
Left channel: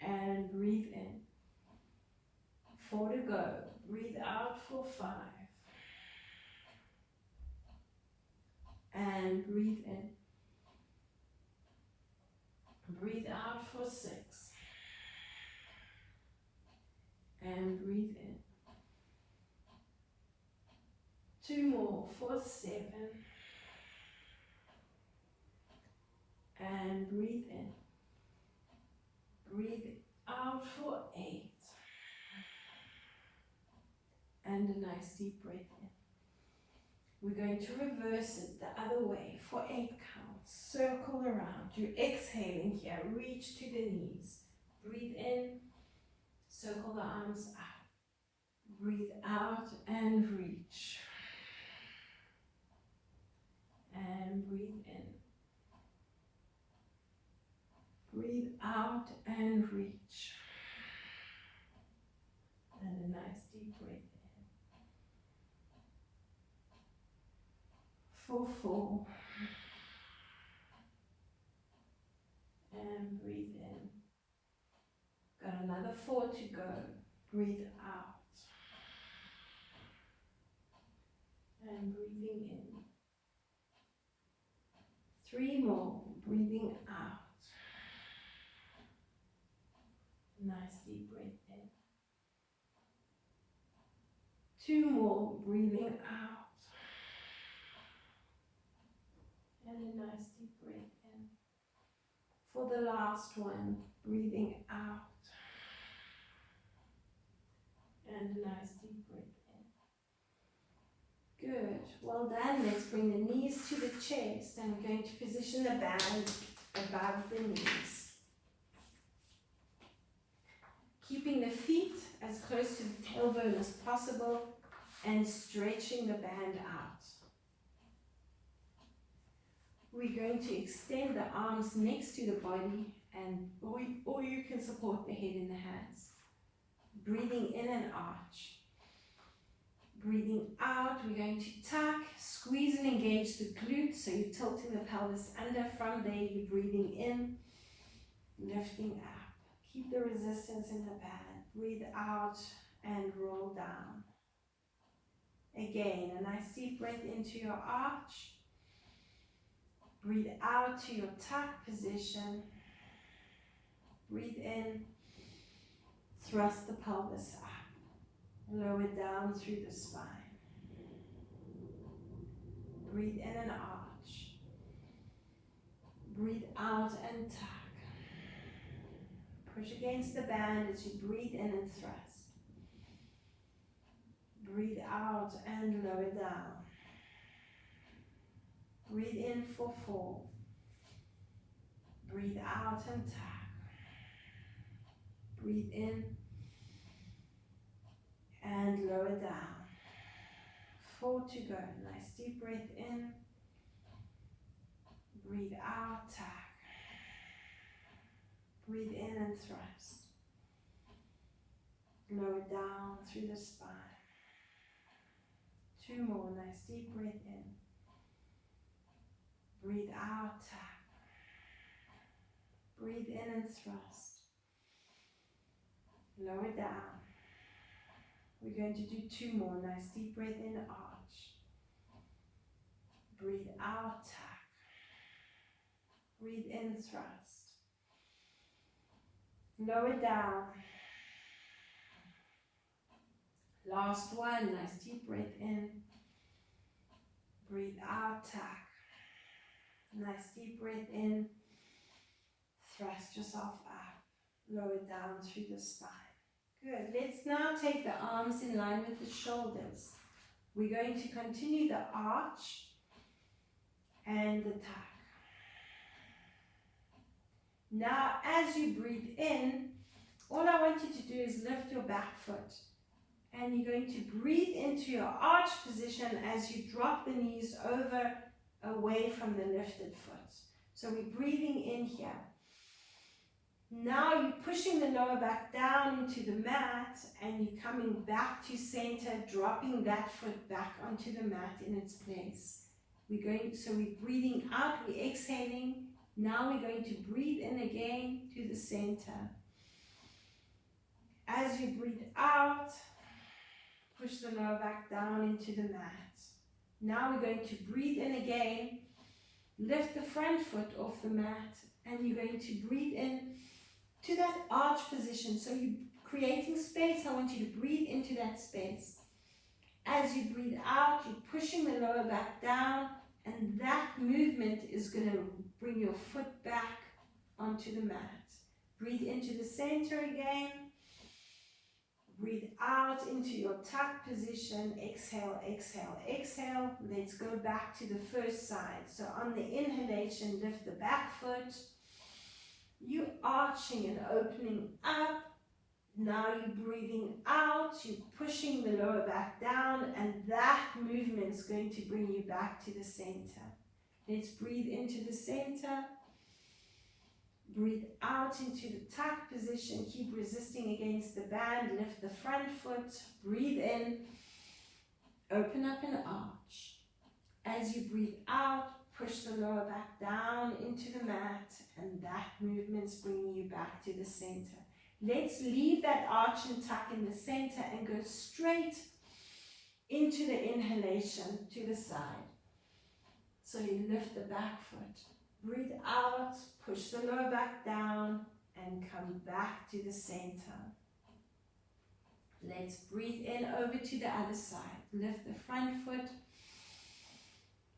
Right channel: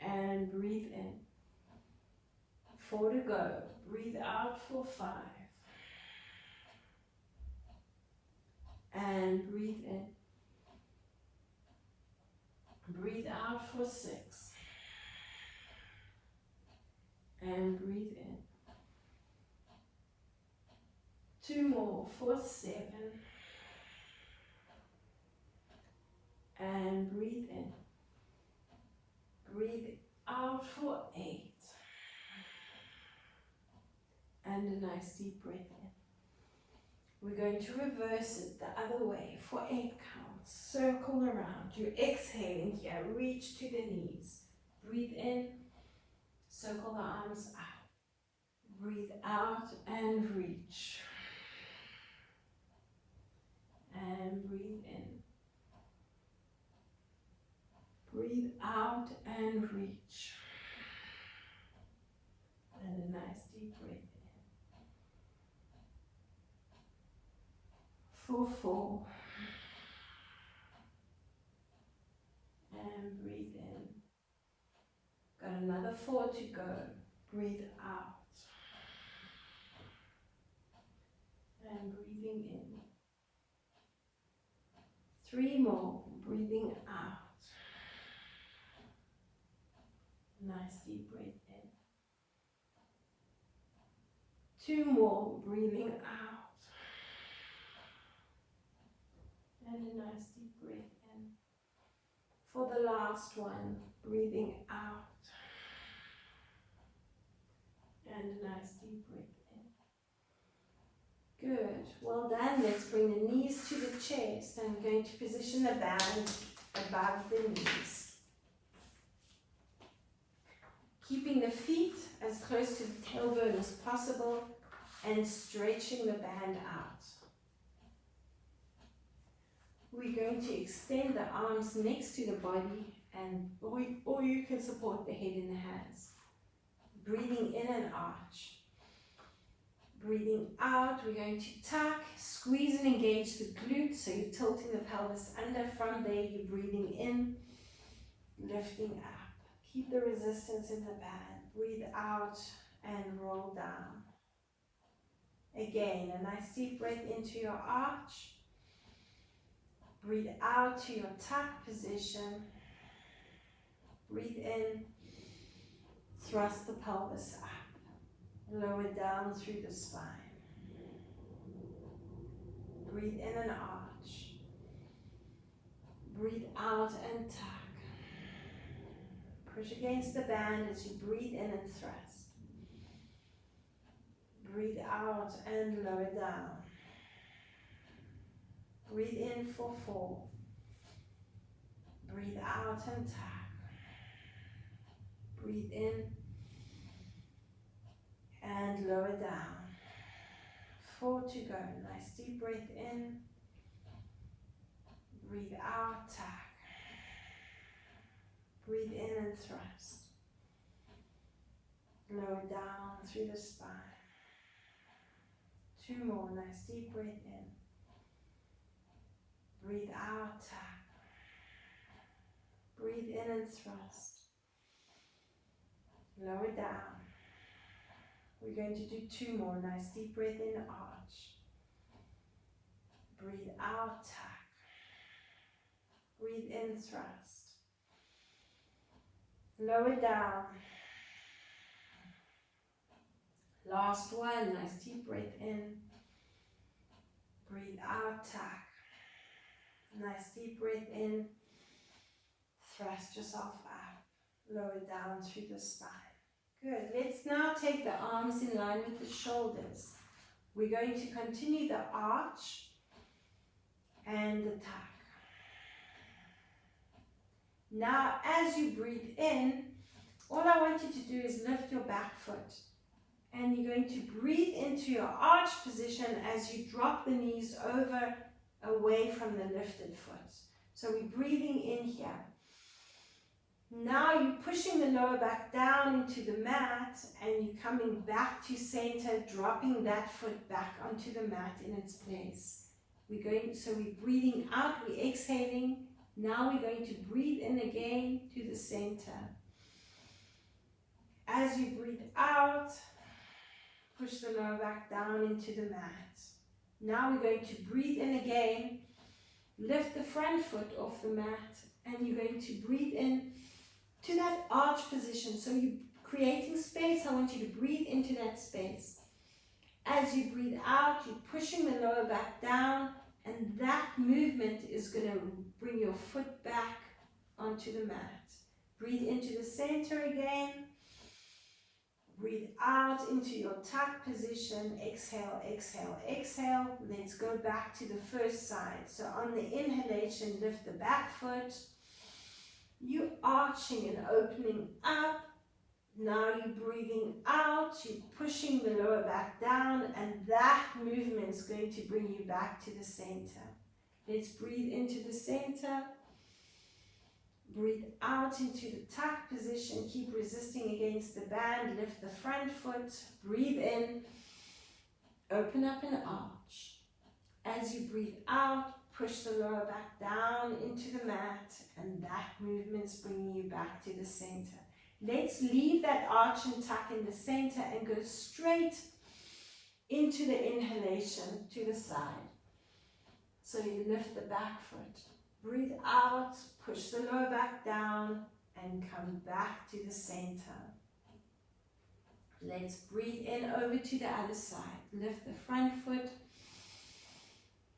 And breathe in. 4 to go. Breathe out for 5. And breathe in. Breathe out for 6. And breathe in. 2 more for 7. And breathe in. Breathe out for 8. And a nice deep breath in. We're going to reverse it the other way for 8 counts. Circle around. You're exhaling here. Reach to the knees. Breathe in. Circle the arms out. Breathe out and reach. And breathe in. Breathe out and reach. And a nice deep breath in. For 4. And breathe in. Got another 4 to go. Breathe out. And breathing in. 3 more. Breathing out. Nice deep breath in. 2 more, breathing out. And a nice deep breath in. For the last one, breathing out. And a nice deep breath in. Good. Well done. Let's bring the knees to the chest. I'm going to position the band above the knees. Keeping the feet as close to the tailbone as possible and stretching the band out. We're going to extend the arms next to the body, and or you can support the head in the hands. Breathing in and arch. Breathing out, we're going to tuck, squeeze and engage the glutes, so you're tilting the pelvis under. From there, you're breathing in, lifting up. Keep the resistance in the band. Breathe out and roll down. Again, a nice deep breath into your arch. Breathe out to your tuck position. Breathe in, thrust the pelvis up. Lower down through the spine. Breathe in and arch. Breathe out and tuck. Push against the band as you breathe in and thrust. Breathe out and lower down. Breathe in for 4. Breathe out and tuck. Breathe in and lower down. 4 to go. Nice deep breath in. Breathe out, tuck. Breathe in and thrust. Lower down through the spine. 2 more. Nice deep breath in. Breathe out, tuck. Breathe in and thrust. Lower down. We're going to do 2 more. Nice deep breath in, arch. Breathe out, tuck. Breathe in, thrust. Lower down. Last one. Nice deep breath in. Breathe out, tuck. Nice deep breath in. Thrust yourself up. Lower down through the spine. Good. Let's now take the arms in line with the shoulders. We're going to continue the arch and the tuck. Now, as you breathe in, all I want you to do is lift your back foot. And you're going to breathe into your arch position as you drop the knees over, away from the lifted foot. So we're breathing in here. Now you're pushing the lower back down into the mat and you're coming back to center, dropping that foot back onto the mat in its place. So we're breathing out, we're exhaling. Now we're going to breathe in again to the center. As you breathe out, push the lower back down into the mat. Now we're going to breathe in again, lift the front foot off the mat, and you're going to breathe in to that arch position. So you're creating space. I want you to breathe into that space. As you breathe out, you're pushing the lower back down, and that movement is going to bring your foot back onto the mat. Breathe into the center again. Breathe out into your tuck position. Exhale, exhale, exhale. Let's go back to the first side. So on the inhalation, lift the back foot. You're arching and opening up. Now you're breathing out. You're pushing the lower back down, and that movement is going to bring you back to the center. Let's breathe into the center. Breathe out into the tuck position. Keep resisting against the band. Lift the front foot. Breathe in. Open up and arch. As you breathe out, push the lower back down into the mat, and that movement's bringing you back to the center. Let's leave that arch and tuck in the center and go straight into the inhalation to the side. So you lift the back foot. Breathe out, push the lower back down, and come back to the center. Let's breathe in over to the other side. Lift the front foot.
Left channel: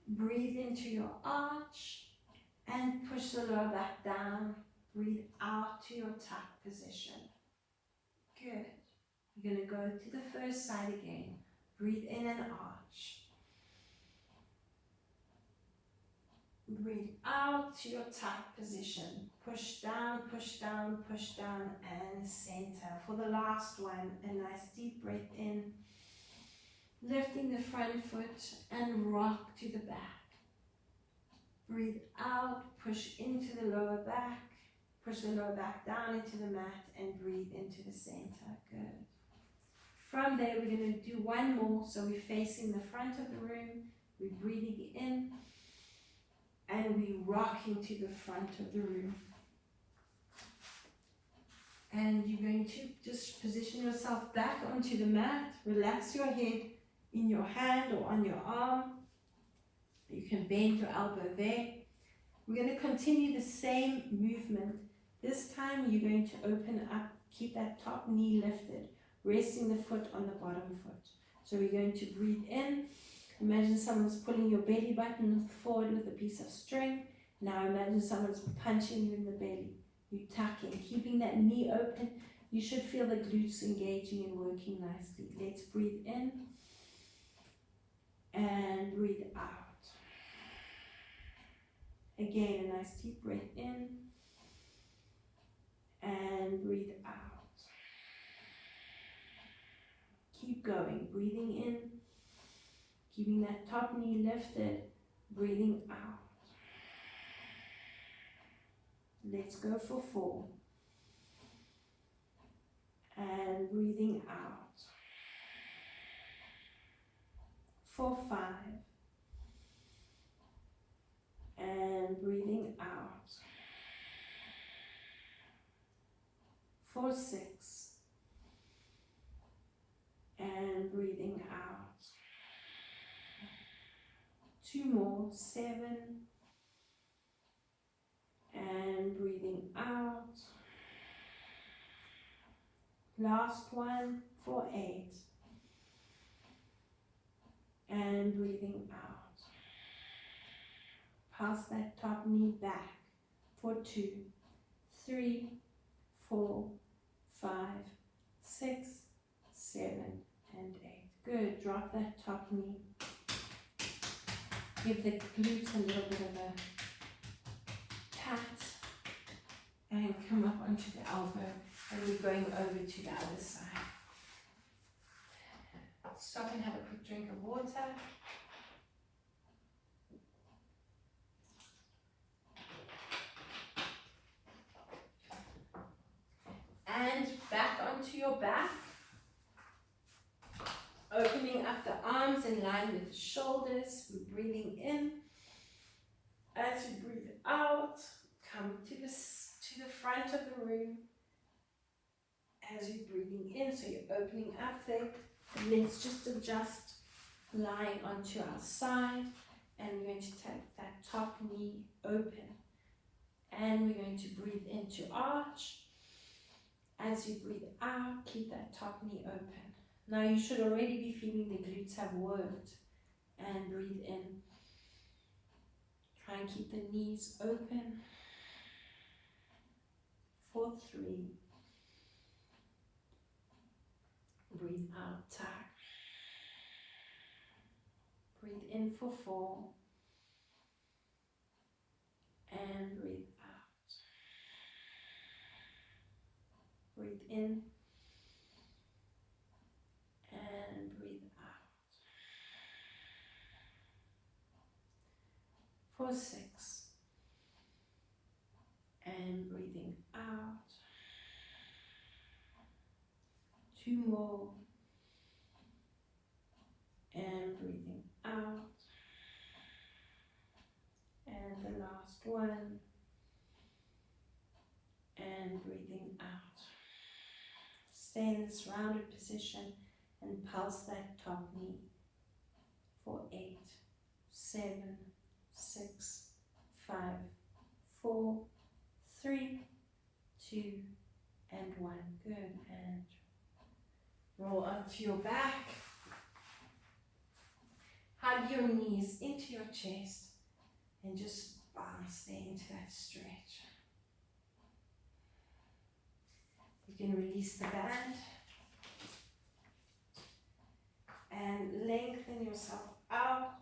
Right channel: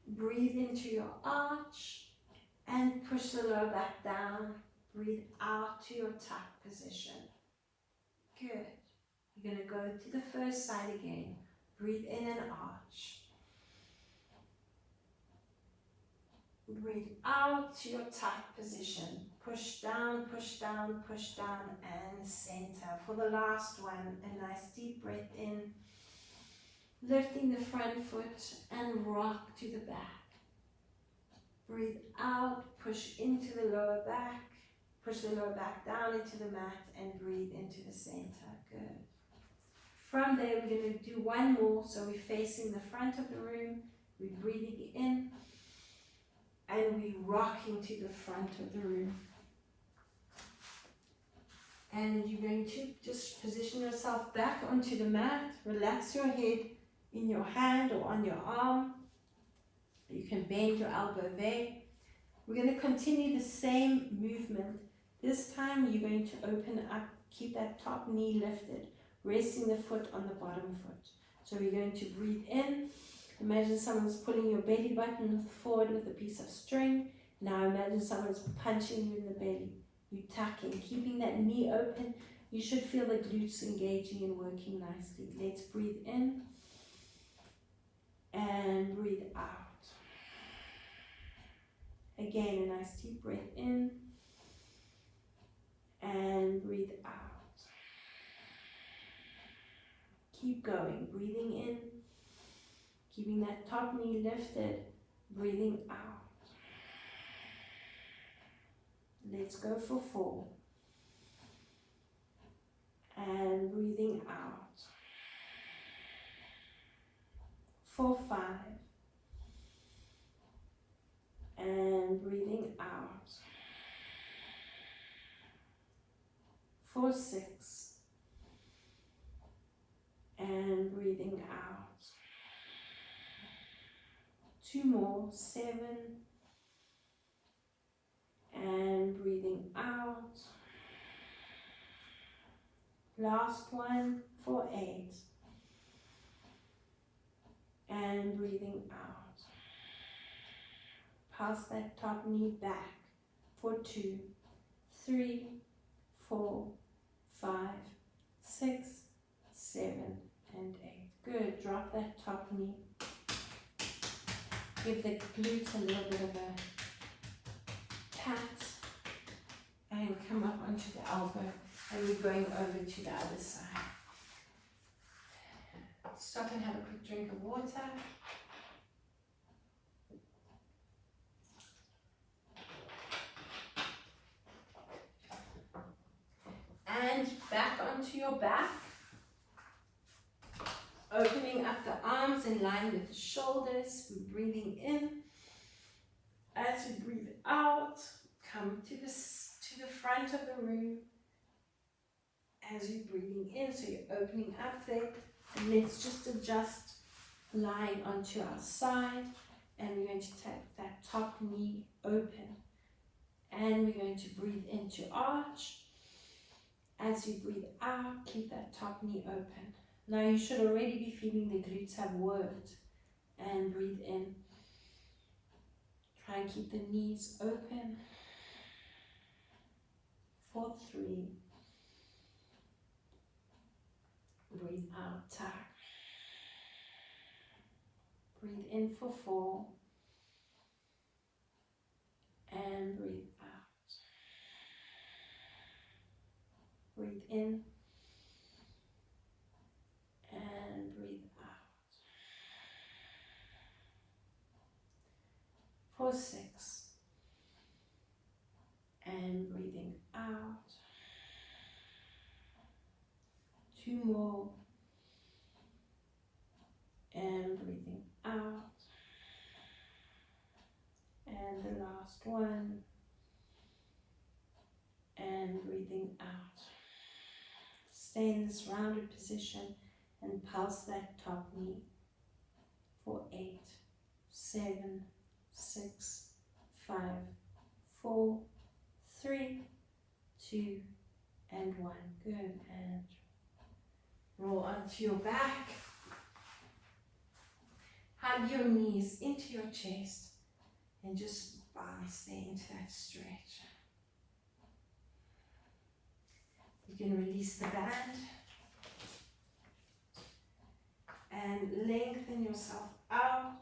Breathe into your arch and push the lower back down. Breathe out to your tuck position. Good. You're going to go to the first side again. Breathe in and arch. Breathe out to your tuck position. Push down, and center. For the last one, a nice deep breath in. Lifting the front foot and rock to the back. Breathe out, push into the lower back. Push the lower back down into the mat and breathe into the center. Good. From there, we're going to do one more. So we're facing the front of the room. We're breathing in. And we rock into the front of the room. And you're going to just position yourself back onto the mat. Relax your head in your hand or on your arm. You can bend your elbow there. We're going to continue the same movement. This time you're going to open up, keep that top knee lifted, resting the foot on the bottom foot. So we're going to breathe in. Imagine someone's pulling your belly button forward with a piece of string. Now imagine someone's punching you in the belly. You're tucking, keeping that knee open. You should feel the glutes engaging and working nicely. Let's breathe in and breathe out. Again, a nice deep breath in and breathe out. Keep going, breathing in. Keeping that top knee lifted, breathing out. Let's go for 4. And breathing out. For 5. And breathing out. For 6. And breathing out. 2 more, 7, and breathing out. Last one for 8, and breathing out. Pass that top knee back for 2, 3, 4, 5, 6, 7, and 8. Good, drop that top knee. Give the glutes a little bit of a pat and come up onto the elbow, and we're going over to the other side. Stop and have a quick drink of water. And back onto your back. Opening up the arms in line with the shoulders. We're breathing in. As we breathe out, come to the front of the room. As you're breathing in, so you're opening up there. And let's just adjust, lying onto our side. And we're going to take that top knee open. And we're going to breathe into arch. As you breathe out, keep that top knee open. Now you should already be feeling the glutes have worked. And breathe in. Try and keep the knees open. For 3. Breathe out, tuck. Breathe in for 4. And breathe out. Breathe in. And breathe out. For 6. And breathing out. 2 more. And breathing out. And the last one. And breathing out. Stay in this rounded position and pulse that top knee for 8, 7, 6, 5, 4, 3, 2, and 1. Good. And roll onto your back. Hug your knees into your chest and just bounce there into that stretch. You can release the band and lengthen yourself out.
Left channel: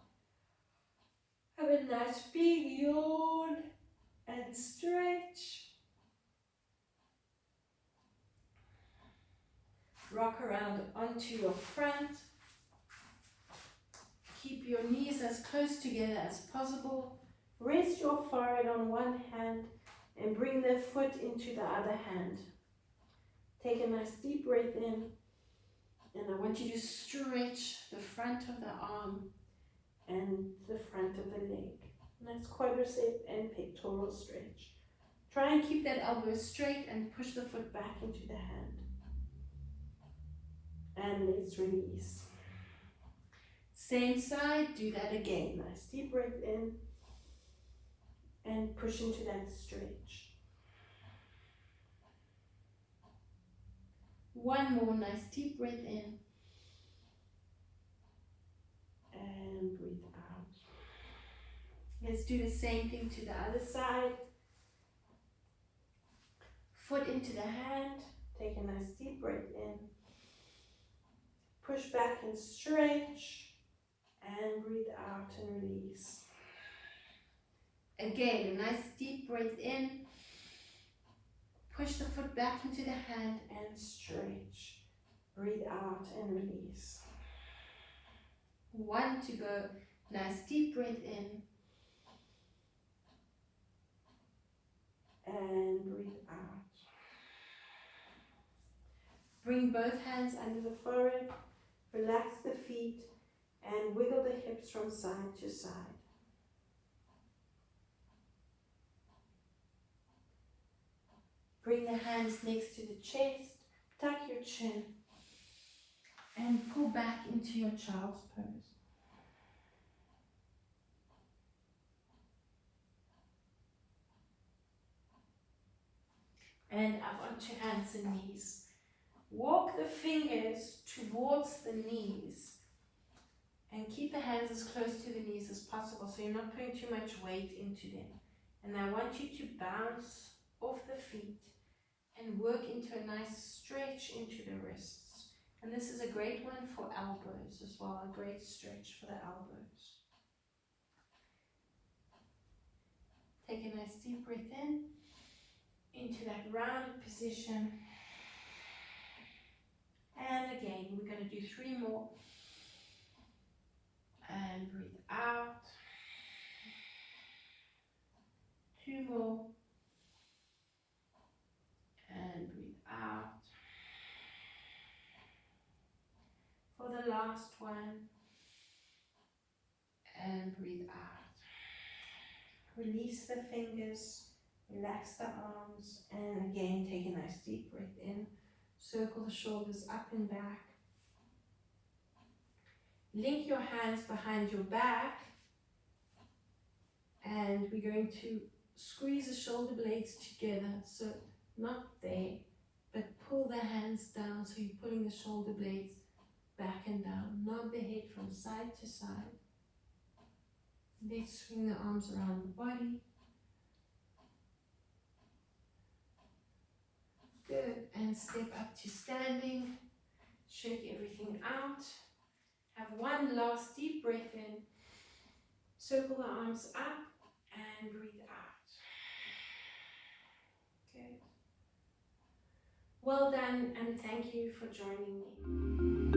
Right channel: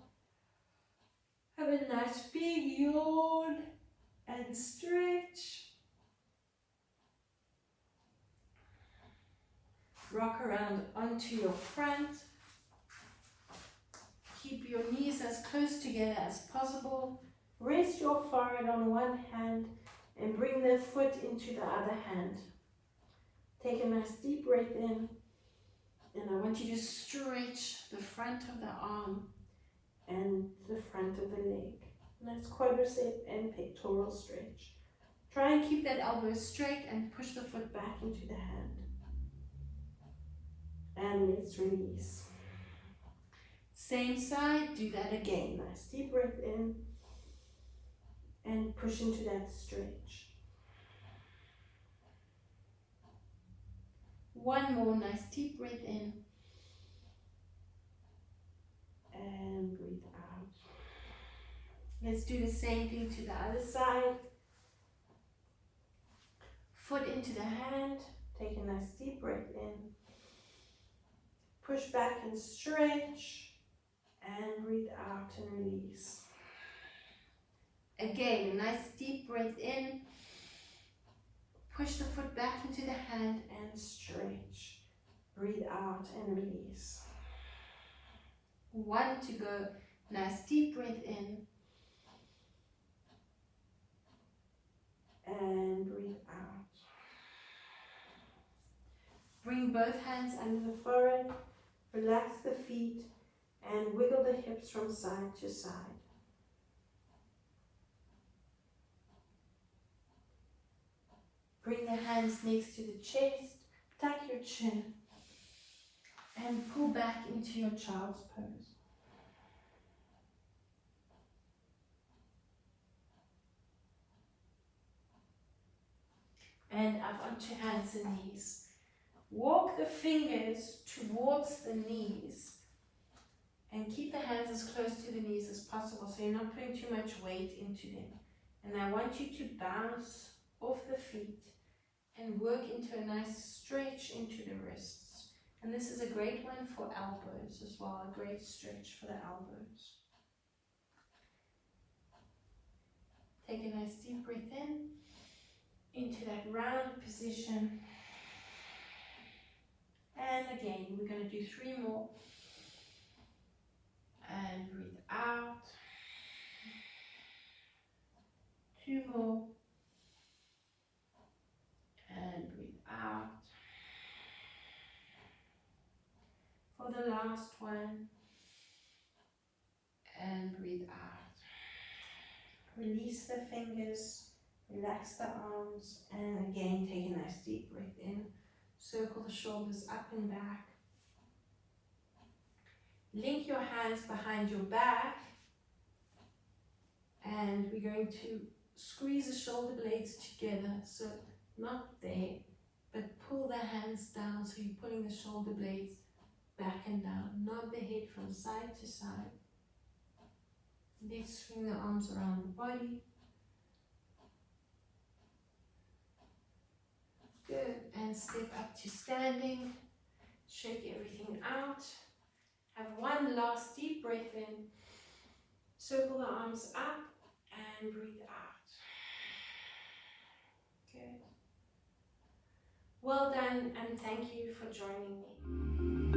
Have a nice big yawn and stretch. Rock around onto your front. Keep your knees as close together as possible. Rest your forehead on one hand and bring the foot into the other hand. Take a nice deep breath in, and I want you to stretch the front of the arm and the front of the leg. Nice quadricep and pectoral stretch. Try and keep that elbow straight and push the foot back into the hand. And let's release. Same side, do that again. Nice deep breath in and push into that stretch. One more nice deep breath in and breathe out. Let's do the same thing to the other side. Foot into the hand, take a nice deep breath in, push back and stretch, and breathe out and release. Again, a nice deep breath in, push the foot back into the hand and stretch. Breathe out and release. 1 to go. Nice deep breath in and breathe out. Bring both hands under the forehead, relax the feet and wiggle the hips from side to side. Bring the hands next to the chest, tuck your chin and pull back into your child's pose. And up onto hands and knees. Walk the fingers towards the knees and keep the hands as close to the knees as possible so you're not putting too much weight into them. And I want you to bounce off the feet and work into a nice stretch into the wrists. And this is a great one for elbows as well, a great stretch for the elbows. Take a nice deep breath in, into that round position. And again, we're going to do 3 more. And breathe out. 2 more. And breathe out. For the last one. And breathe out. Release the fingers. Relax the arms. And again, take a nice deep breath in. Circle the shoulders up and back. Link your hands behind your back. And we're going to squeeze the shoulder blades together. So not there, but pull the hands down. So you're pulling the shoulder blades back and down. Nod the head from side to side. Let's swing the arms around the body. Good. And step up to standing. Shake everything out. Have one last deep breath in. Circle the arms up and breathe out. Good. Well done, and thank you for joining me.